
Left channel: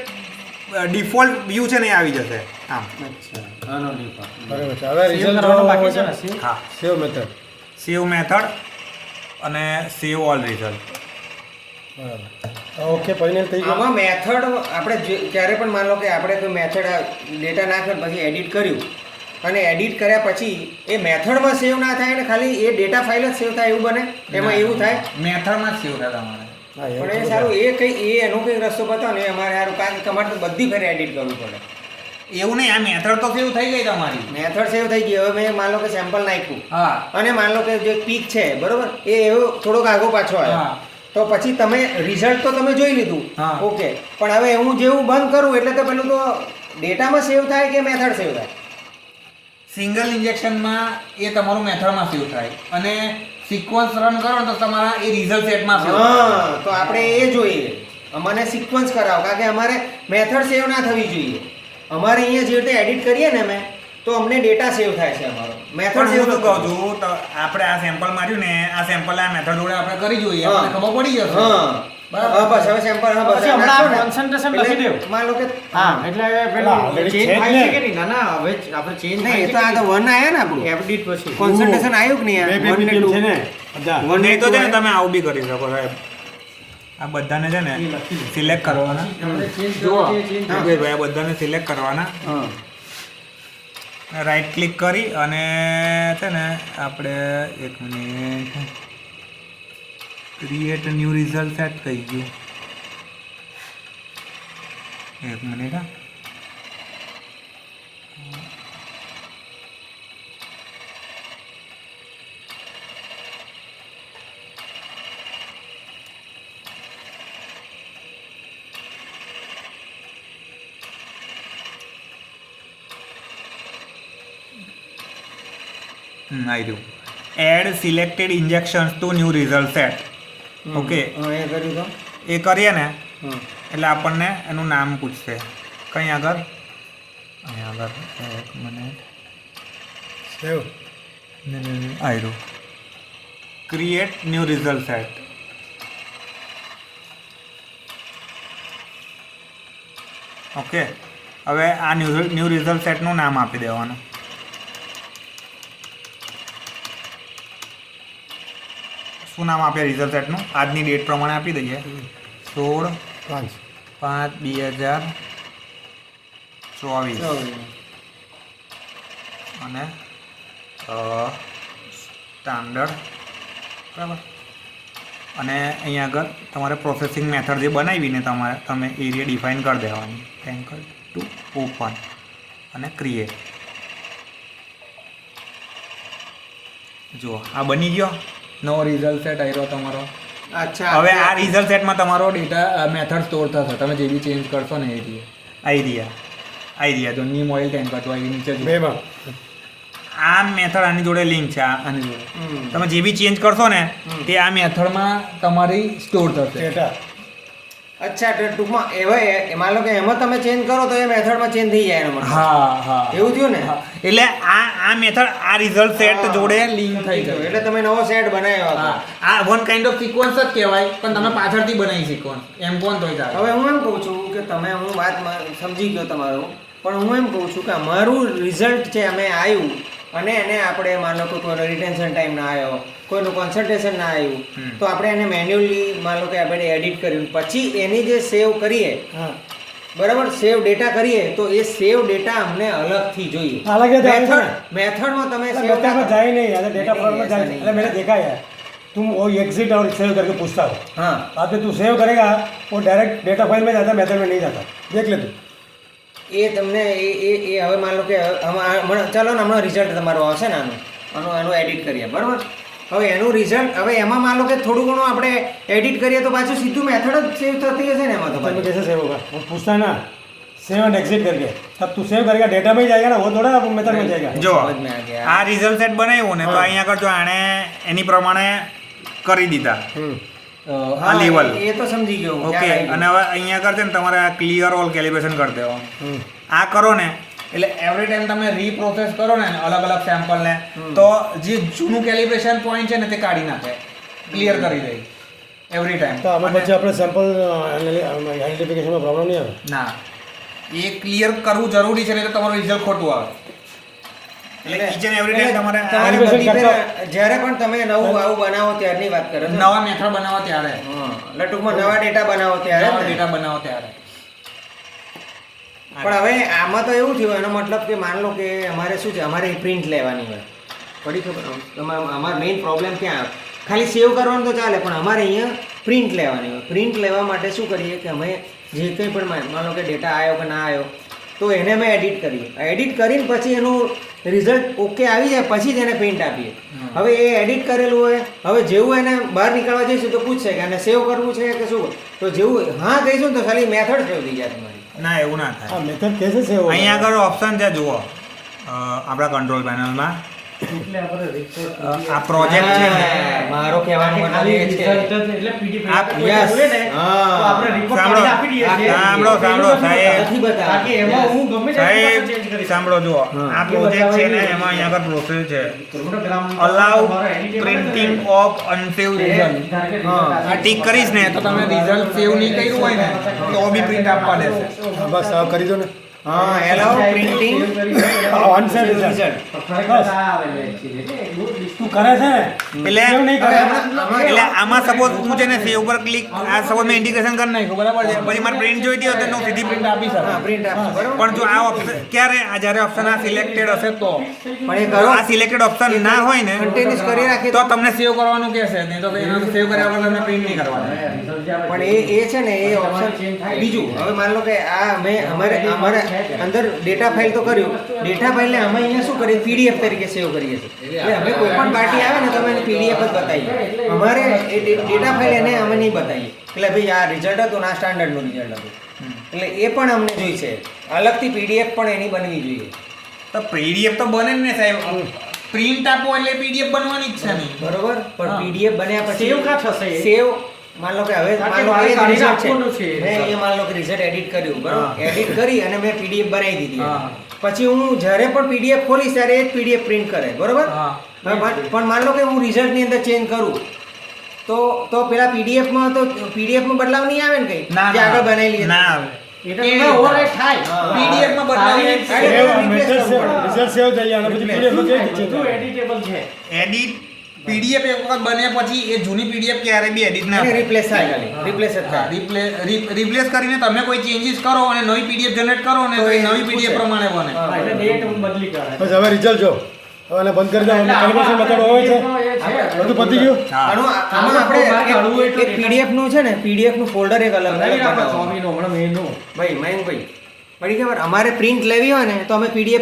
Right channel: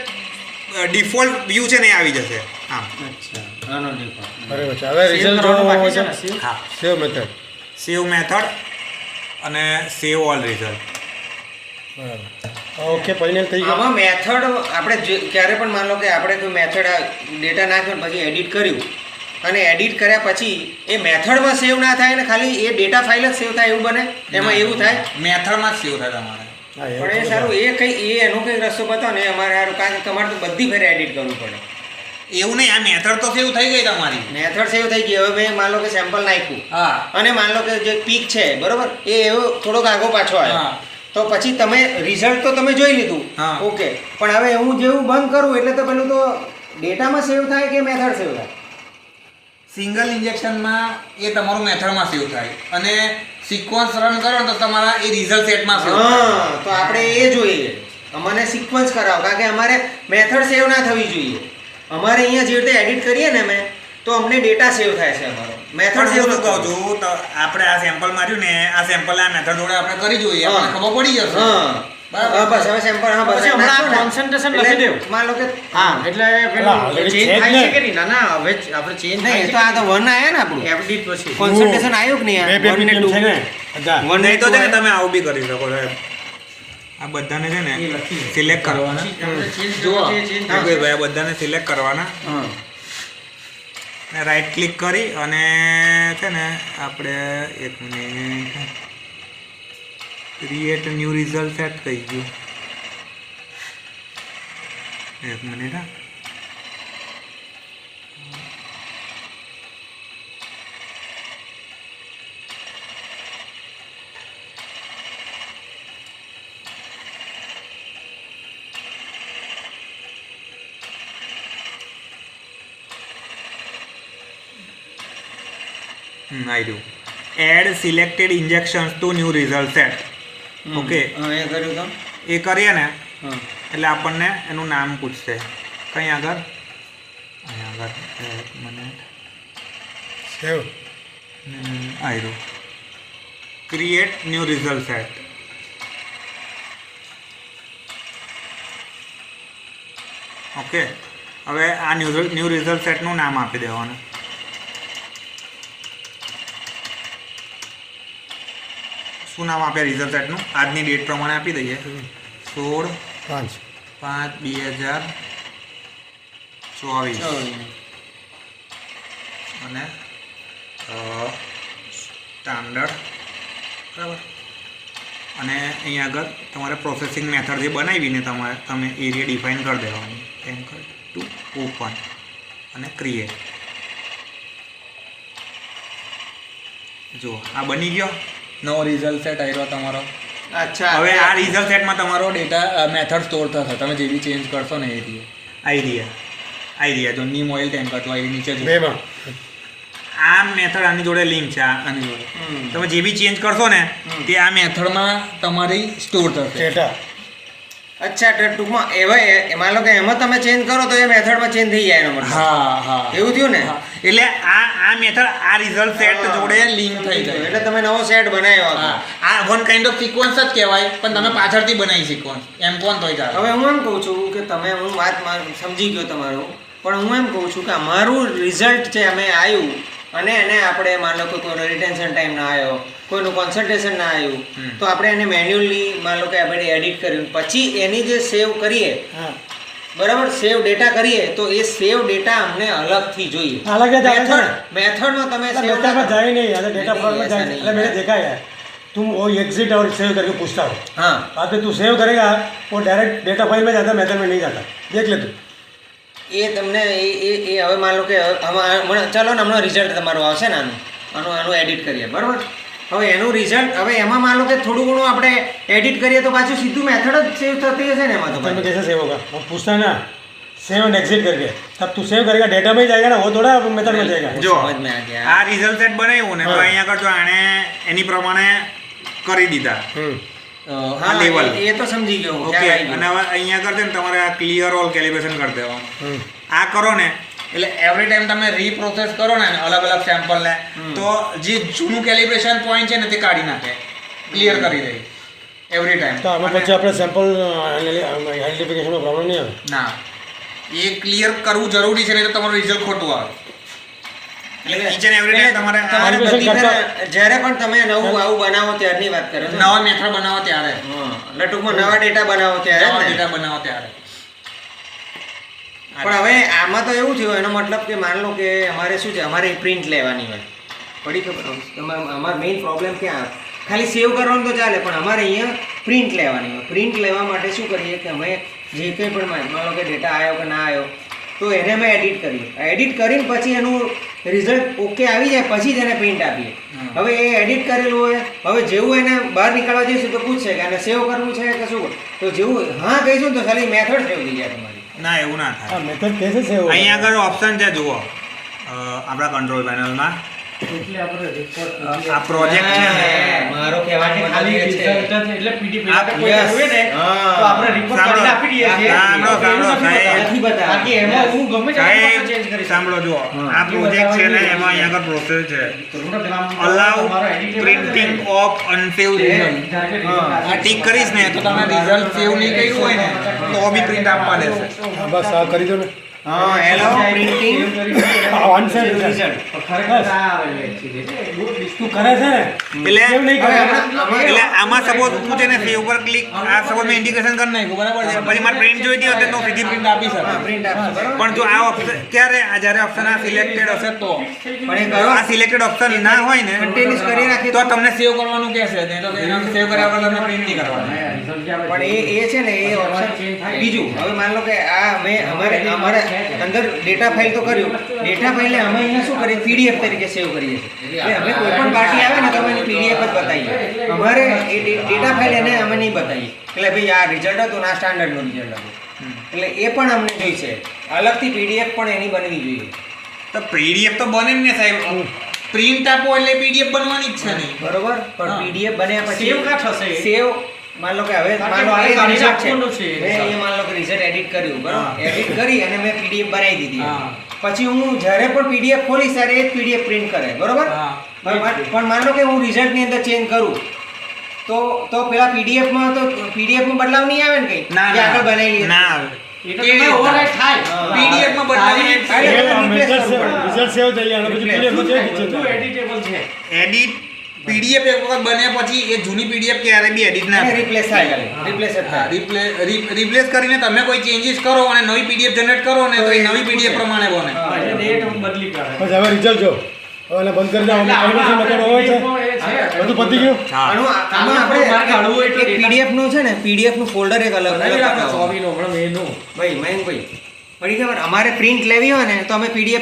ડિફોલ્ટ વ્યૂ છે ને એ આવી જશે. આમ અચ્છા આનો default. બરાબર છે. હવે Save રિઝલ્ટ કરવાનું જોવો બાકી છે છે ને, save? હા, સેવ મેથડ. સેવ મેથડ અને સેવ ઓલ રિઝલ્ટ. બરાબર. ઓકે ફાઇનલ થઈ ગયું. આમાં મેથડ આપણે ક્યારે પણ માન લો કે આપણે કોઈ મેથડ ડેટા નાખ્યો ને પછી એડિટ કર્યું અને એડિટ કર્યા પછી એ મેથડમાં સેવ ના થાય ને ખાલી એ ડેટા ફાઇલ જ સેવ થાય એવું બને? એમાં એવું થાય? મેથડમાં જ સેવ થાય તમારે. હા, એવું પણ એ તો સારું, એ કઈ એ એનો કઈ રસ્તો બતાવો ને અમારે સારું, કારણ કે તમારે તો બધી ફેર એડિટ કરવું પડે. એવું નહીં, આ મેથડ તો સેવ થઈ ગઈ તમારી. મેથડ સેવ થઈ ગઈ. હવે મેં માન લો કે સેમ્પલ નાખ્યું હા, અને માન લો કે જે પીક છે બરોબર એ એવો થોડોક આગો પાછો આવ્યો, હા. તો પછી તમે રિઝલ્ટ તો તમે જોઈ લીધું, હા. ઓકે, પણ હવે હું જેવું બંધ કરું એટલે તો પેલું તો ડેટામાં સેવ થાય કે મેથડ સેવ થાય? સિંગલ ઇન્જેક્શનમાં એ તમારું મેથડમાં સેવ થાય અને સિક્વન્સ રન કરો ને તો તમારા એ રિઝલ્ટ સેટમાં સેવ થાય. હા, તો આપણે એ જોઈએ. અમને સિક્વન્સ કરાવો, કારણ કે અમારે મેથડ સેવ ના થવી જોઈએ. અમારે અહીંયા જે રીતે એડિટ કરીએ ને અમે, તો અમને ડેટા સેવ થાય છે અમારો, મેથડ પણ સેવ હું નથી શું કહું થતું. છું, તો આપણે આ સેમ્પલ માર્યું ને, આ સેમ્પલ આ મેથડ જોડે આપણે કરી જોઈએ, હા. આપણને ખબર પડી જશે. હા બરાબર. હા, બસ હવે સેમ્પલ, હા બસ પછી એમ હમણાં નાખો ને. concentration એટલે લખી દેવું. માન લો કે હા એટલે અલા, already ચેન્જ છે જ થાય ને. છે કે નહીં? ના ના હવે આપણે ચેન્જ નહીં, થાય એ તો આ તો 1 આયા ને આપણું એડિટ પછી કોન્સન્ટ્રેશન આવ્યું કે નહીં? બે આ 1 ને ppm 2 છે ને બધા. 1 ને નહીં તો 2 છે ને આયા. તમે આવું બી કરી શકો સાહેબ. આ બધાને છે ને સિલેક્ટ કરવાના. આપણે ચેન્જ જુઓ. જોવો છે ચેન્જ હા. ભાઈ આ બધાને સિલેક્ટ કરવાના, હા રાઈટ ક્લિક કરી અને છે ને આપણે એક minute create new result set થઈ ગયું. એક મિનિટ હા. આવી રહ્યું. Add selected injections to new result set. Okay, હા એ કર્યું તો એ કરીએ ને હા એટલે આપણને એનું નામ પૂછશે. કઈ આગળ અહીંયા આગળ એક મિનિટ સેવ આવ્યું create new result set. Okay, હવે આ ન્યૂ રિઝલ્ટ સેટનું નામ આપી દેવાનું. શું નામ આપીએ રિઝલ્ટ સેટનું? આજની ડેટ પ્રમાણે આપી દઈએ 16/5/2024 અને સ્ટાન્ડર્ડ બરાબર. અને અહીંયા આગળ તમારે પ્રોસેસિંગ મેથડ જે બનાવીને તમે એરિયા ડિફાઇન કરી દેવાની. એન્કર ટુ ઓપન અને ક્રિએટ. જુઓ આ બની ગયો નવો રિઝલ્ટ સેટ આવ્યો તમારો. અચ્છા, હવે આ રિઝલ્ટ સેટમાં તમારો ડેટા મેથડ સ્ટોર થશે. તમે જે બી ચેન્જ કરશો ને આઈડિયા જો નીમ ઓઇલ ટેન્કર તો આવી નીચે જો બેમાં આ મેથડ આની જોડે લિંક છે. આની જોડે તમે જે બી ચેન્જ કરશો ને તે આ મેથડમાં તમારી સ્ટોર થશે. ડેટા અચ્છા, તો ટૂંકમાં એવા માન લો કે એમાં તમે ચેન્જ કરો તો એ મેથડમાં ચેન્જ થઈ જાય એનો મતલબ. હા એવું થયું ને? એટલે આ મેથડ આ રિઝલ્ટ સેટ જોડે લિંક થઈ ગઈ. એટલે તમે નવો સેટ બનાવ્યો હતો. આ વન કાઇન્ડ ઓફ સિક્વન્સ જ કહેવાય, પણ તમે પાછળથી બનાવી સિક્વન્સ એમ કોણ તોય ચાલે. હવે હું એમ કહું છું કે હું વાત સમજી ગયો તમારું, પણ હું એમ કહું છું કે અમારું રિઝલ્ટ છે અમે આવ્યું અને એને આપણે માન લો કે કોઈનો રિટેન્શન ટાઈમ ના આવ્યો, કોઈનું કોન્સન્ટ્રેશન ના આવ્યું, તો આપણે એને મેન્યુઅલી માન લો કે આપણે એડિટ કર્યું પછી એની જે સેવ કરીએ, હા બરાબર, સેવ ડેટા કરીએ તો એ સેવ ડેટા અમને અલગથી જોઈએ. अलग है जाएगा ना મેથડમાં તમે मतलब સેવ डेटा में जाए नहीं अगर डेटा फॉर्म में जाए अरे मैंने देखा है तुम वो एग्जिट और सेव करके पूछता हो હા, बाद में तू सेव करेगा वो डायरेक्ट डेटा फाइल में जाता मेथड में नहीं जाता देख ले तू એ તમને એ હવે માન લો કે ચાલો ને હમણાં રિઝલ્ટ તમારું આવશે ને આનું એડિટ કરીએ, બરાબર. હવે એનું રિઝલ્ટ હવે એમાં માન લો કે થોડું ઘણું આપણે એડિટ કરીએ તો પાછું સીધું મેથડ જ સેવ થતી હશે ને એમાં તો में પાછું. कैसे सेव होगा वो पूछता है ना सेव एंड एग्जिट करके तब तू सेव करेगा डेटा में ही जाएगा ना वो थोड़ा मेथड में जाएगा જો સમજ મેં આ ગયા. આ રિઝલ્ટ સેટ બનાવ્યું ને તો અહીંયા આગળ જો આણે એની પ્રમાણે કરી દીધા હા, લેવલ. એ તો સમજી ગયો હું, ઓકે, ખ્યાલ આવી અને ગયો. હવે અહીંયા આગળ છે ને તમારે આ ક્લિયર ઓલ કેલિબ્રેશન કરી દેવાનું. આ કરો ને એટલે એવરી ટાઈમ તમે રીપ્રોસેસ કરો ને અલગ અલગ સેમ્પલને તો જે જૂનું કેલિબ્રેશન પોઈન્ટ છે ને તે કાઢી નાખે, ક્લિયર કરી દે એવરી ટાઈમ. तो हमें बच्चे अपने सैंपल आइडेंटिफिकेशन में प्रॉब्लम नहीं आता ના, એ ક્લિયર કરવું જરૂરી છે નહીં તો તમારું રિઝલ્ટ ખોટું આવે. એટલે ઈચ એન્ડ એવરી ટાઈમ તમારે તમારે બધી જ્યારે પણ તમે નવું આવું બનાવો ત્યારની વાત કરો છો ને? નવા મેથડ બનાવો ત્યારે, હા, એટલે ટૂંકમાં નવા ડેટા બનાવો ત્યારે નવા જ ને? ડેટા બનાવો ત્યારે. પણ હવે આમાં તો એવું થયું, એનો મતલબ કે માન લો કે અમારે શું છે, અમારે પ્રિન્ટ લેવાની હોય, પડી ખબર? અમારો મેઇન પ્રોબ્લેમ ક્યાં આવે? ખાલી સેવ કરવાનું તો ચાલે, પણ અમારે અહીંયા પ્રિન્ટ લેવાની હોય. પ્રિન્ટ લેવા માટે શું કરીએ કે અમે જે કંઈ પણ માન લો કે ડેટા આવ્યો કે ના આવ્યો તો એને અમે એડિટ કરીએ. એડિટ કરીને પછી એનું રિઝલ્ટ ઓકે આવી જાય પછી જ એને પ્રિન્ટ આપીએ. હવે એ એડિટ કરેલું હોય, હવે જેવું એને બહાર નીકળવા જઈશું તો પૂછશે કે આને સેવ કરવું છે કે શું, તો જેવું હા કહીશું ને તો ખાલી મેથડ સેવ થઈ જાય તમારી. ના, એવું ના થાય. हाँ मेथड कैसे सेव होगा અહીંયા આગળ ઓપ્શન છે જુઓ, આપણા કંટ્રોલ પેનલમાં એટલે આપણે report આ પ્રોજેક્ટ છે ને, મારો કહેવાનો ખાલી મતલબ એ છે. result જ એટલે PDF આ કોઈ yes. જોઈએ ને હા. તો આપણે report કરીને આપી દઈએ છીએ. સાંભળો, એનું સાંભળો, નથી સાહેબ. બતાવતા. નથી બતાવતા. બાકી એમાં હું ગમે ત્યારે પાછો change સાહેબ કરીશ. સાંભળો જુઓ, આ પ્રોજેક્ટ છે ને એમાં અહીંયા આગળ પ્રોસેસ છે Program અલાઉ તમારો editable પ્રિન્ટિંગ છે. Of unsave result. આ ટિક કરીશ ને તો તમે રિઝલ્ટ સેવ નહીં કર્યું હોય ને તો બી પ્રિન્ટ આપવા દેશે. हाँ बस आप कर दो ना હા, allow printing Unsaid result. તો ખરેખર આ આવેલું actually. तू करे છે ને એટલે સેવ નહીં કરે એટલે આમાં સપોઝ હું છે ને સેવ પર ક્લિક આ સપોઝ મેં ઇન્ડિકેશન કરી નાખ્યું બરાબર છે, પછી મારે પ્રિન્ટ જોઈતી હોય તો સીધી પ્રિન્ટ આપી હા, શકું. પ્રિન્ટ આપશે, બરાબર. પણ જો આ ઓપ્શન ક્યારે જ્યારે ઓપ્શન આ સિલેક્ટેડ હશે તો પણ એ કરો આ સિલેક્ટેડ ઓપ્શન ના હોય ને કન્ટિન્યુઅસ કરી રાખીએ તો તમને સેવ કરવાનું કહેશે, નહીં તો એને સેવ કર્યા વગર તમને પ્રિન્ટ નહીં કરવાનું. result જે આવે પણ એ છે ને એ ઓપ્શન બીજું. હવે માન લો કે આ મેં અમારે અંદર ડેટા ફાઇલ તો કર્યું, ડેટા ફાઇલને અમે અહીંયા શું કરીએ પીડીએફ તરીકે સેવ કરીએ છીએ. એટલે અમે કોઈ પણ પાર્ટી આવે ને તો અમે એને પીડીએફ જ બતાવીએ. અમારે એ ડેટા ફાઇલ એને અમે નહીં બતાવીએ એટલે ભાઈ આ રિઝલ્ટ હતું ના સ્ટાન્ડર્ડનું રિઝલ્ટ હતું, એટલે એ પણ અમને જોઈશે. અલગથી પીડીએફ પણ એની બનવી જોઈએ. તો પીડીએફ તો બને જ ને સાહેબ, પ્રિન્ટ આપો એટલે પીડીએફ બનવાની જ છે નહીં. બરોબર, પણ હા. પીડીએફ બન્યા પછી Save કાં થશે એ? સેવ માન લો કે હવે કારણ માન લો કે આ કાઢી result છે. નાખવાનું છે મેં result. અહીંયા માન લો કે રિઝલ્ટ એડિટ કર્યું બરાબર એડિટ કરી અને મેં પીડીએફ બનાવી દીધી હા. પછી હું જ્યારે પણ પીડીએફ ખોલીશ ત્યારે એ જ પીડીએફ પ્રિન્ટ કરે બરોબર હા. પણ માન લો કે હું રિઝલ્ટની અંદર ચેન્જ કરું તો પેલા પીડીએફમાં બદલાવ નહીં આવે ને કઈ જે આગળ બનાવેલી હતી. ના આવે. એ તો તમે override થાય. PDF માં બદલાવ તારી નહીં. અરે, સેવ આ replace method કરવું સેવ પડે. result સેવ થઈ જાય અને પછી PDF માં કેવી રીતે બધું change થાય? editable છે. એડિટ પીડીએફ એક વખત બન્યા પછી એ જૂની પીડીએફ ક્યારે બી એડિટ ના એને થાય. રિપ્લેસ થાય ખાલી રિપ્લેસ જ હા, થાય રિપ્લેસ કરીને તમે કોઈ ચેન્જીસ કરો અને નવી પીડીએફ જનરેટ કરો ને તો એ નવી પીડીએફ પ્રમાણે બને. હા. એટલે date બદલી કાઢે. બસ હવે રિઝલ્ટ જો હવે આને બંધ કરી દો એટલે કેલ્ક્યુલેશન આમાં મેથડ હોય છે એ છે. બધું પતી ગયું હા. આનું આમાં મારે કાઢવું હોય આપણે તો એક PDF નું છે ને PDF નું ફોલ્ડર એક અલગ નહીં આપણે બતાવો. 24 નો હમણાં મેનું. ભાઈ મયંકભાઈ પડી ખબર અમારે પ્રિન્ટ લેવી હોય ને તો અમે PDF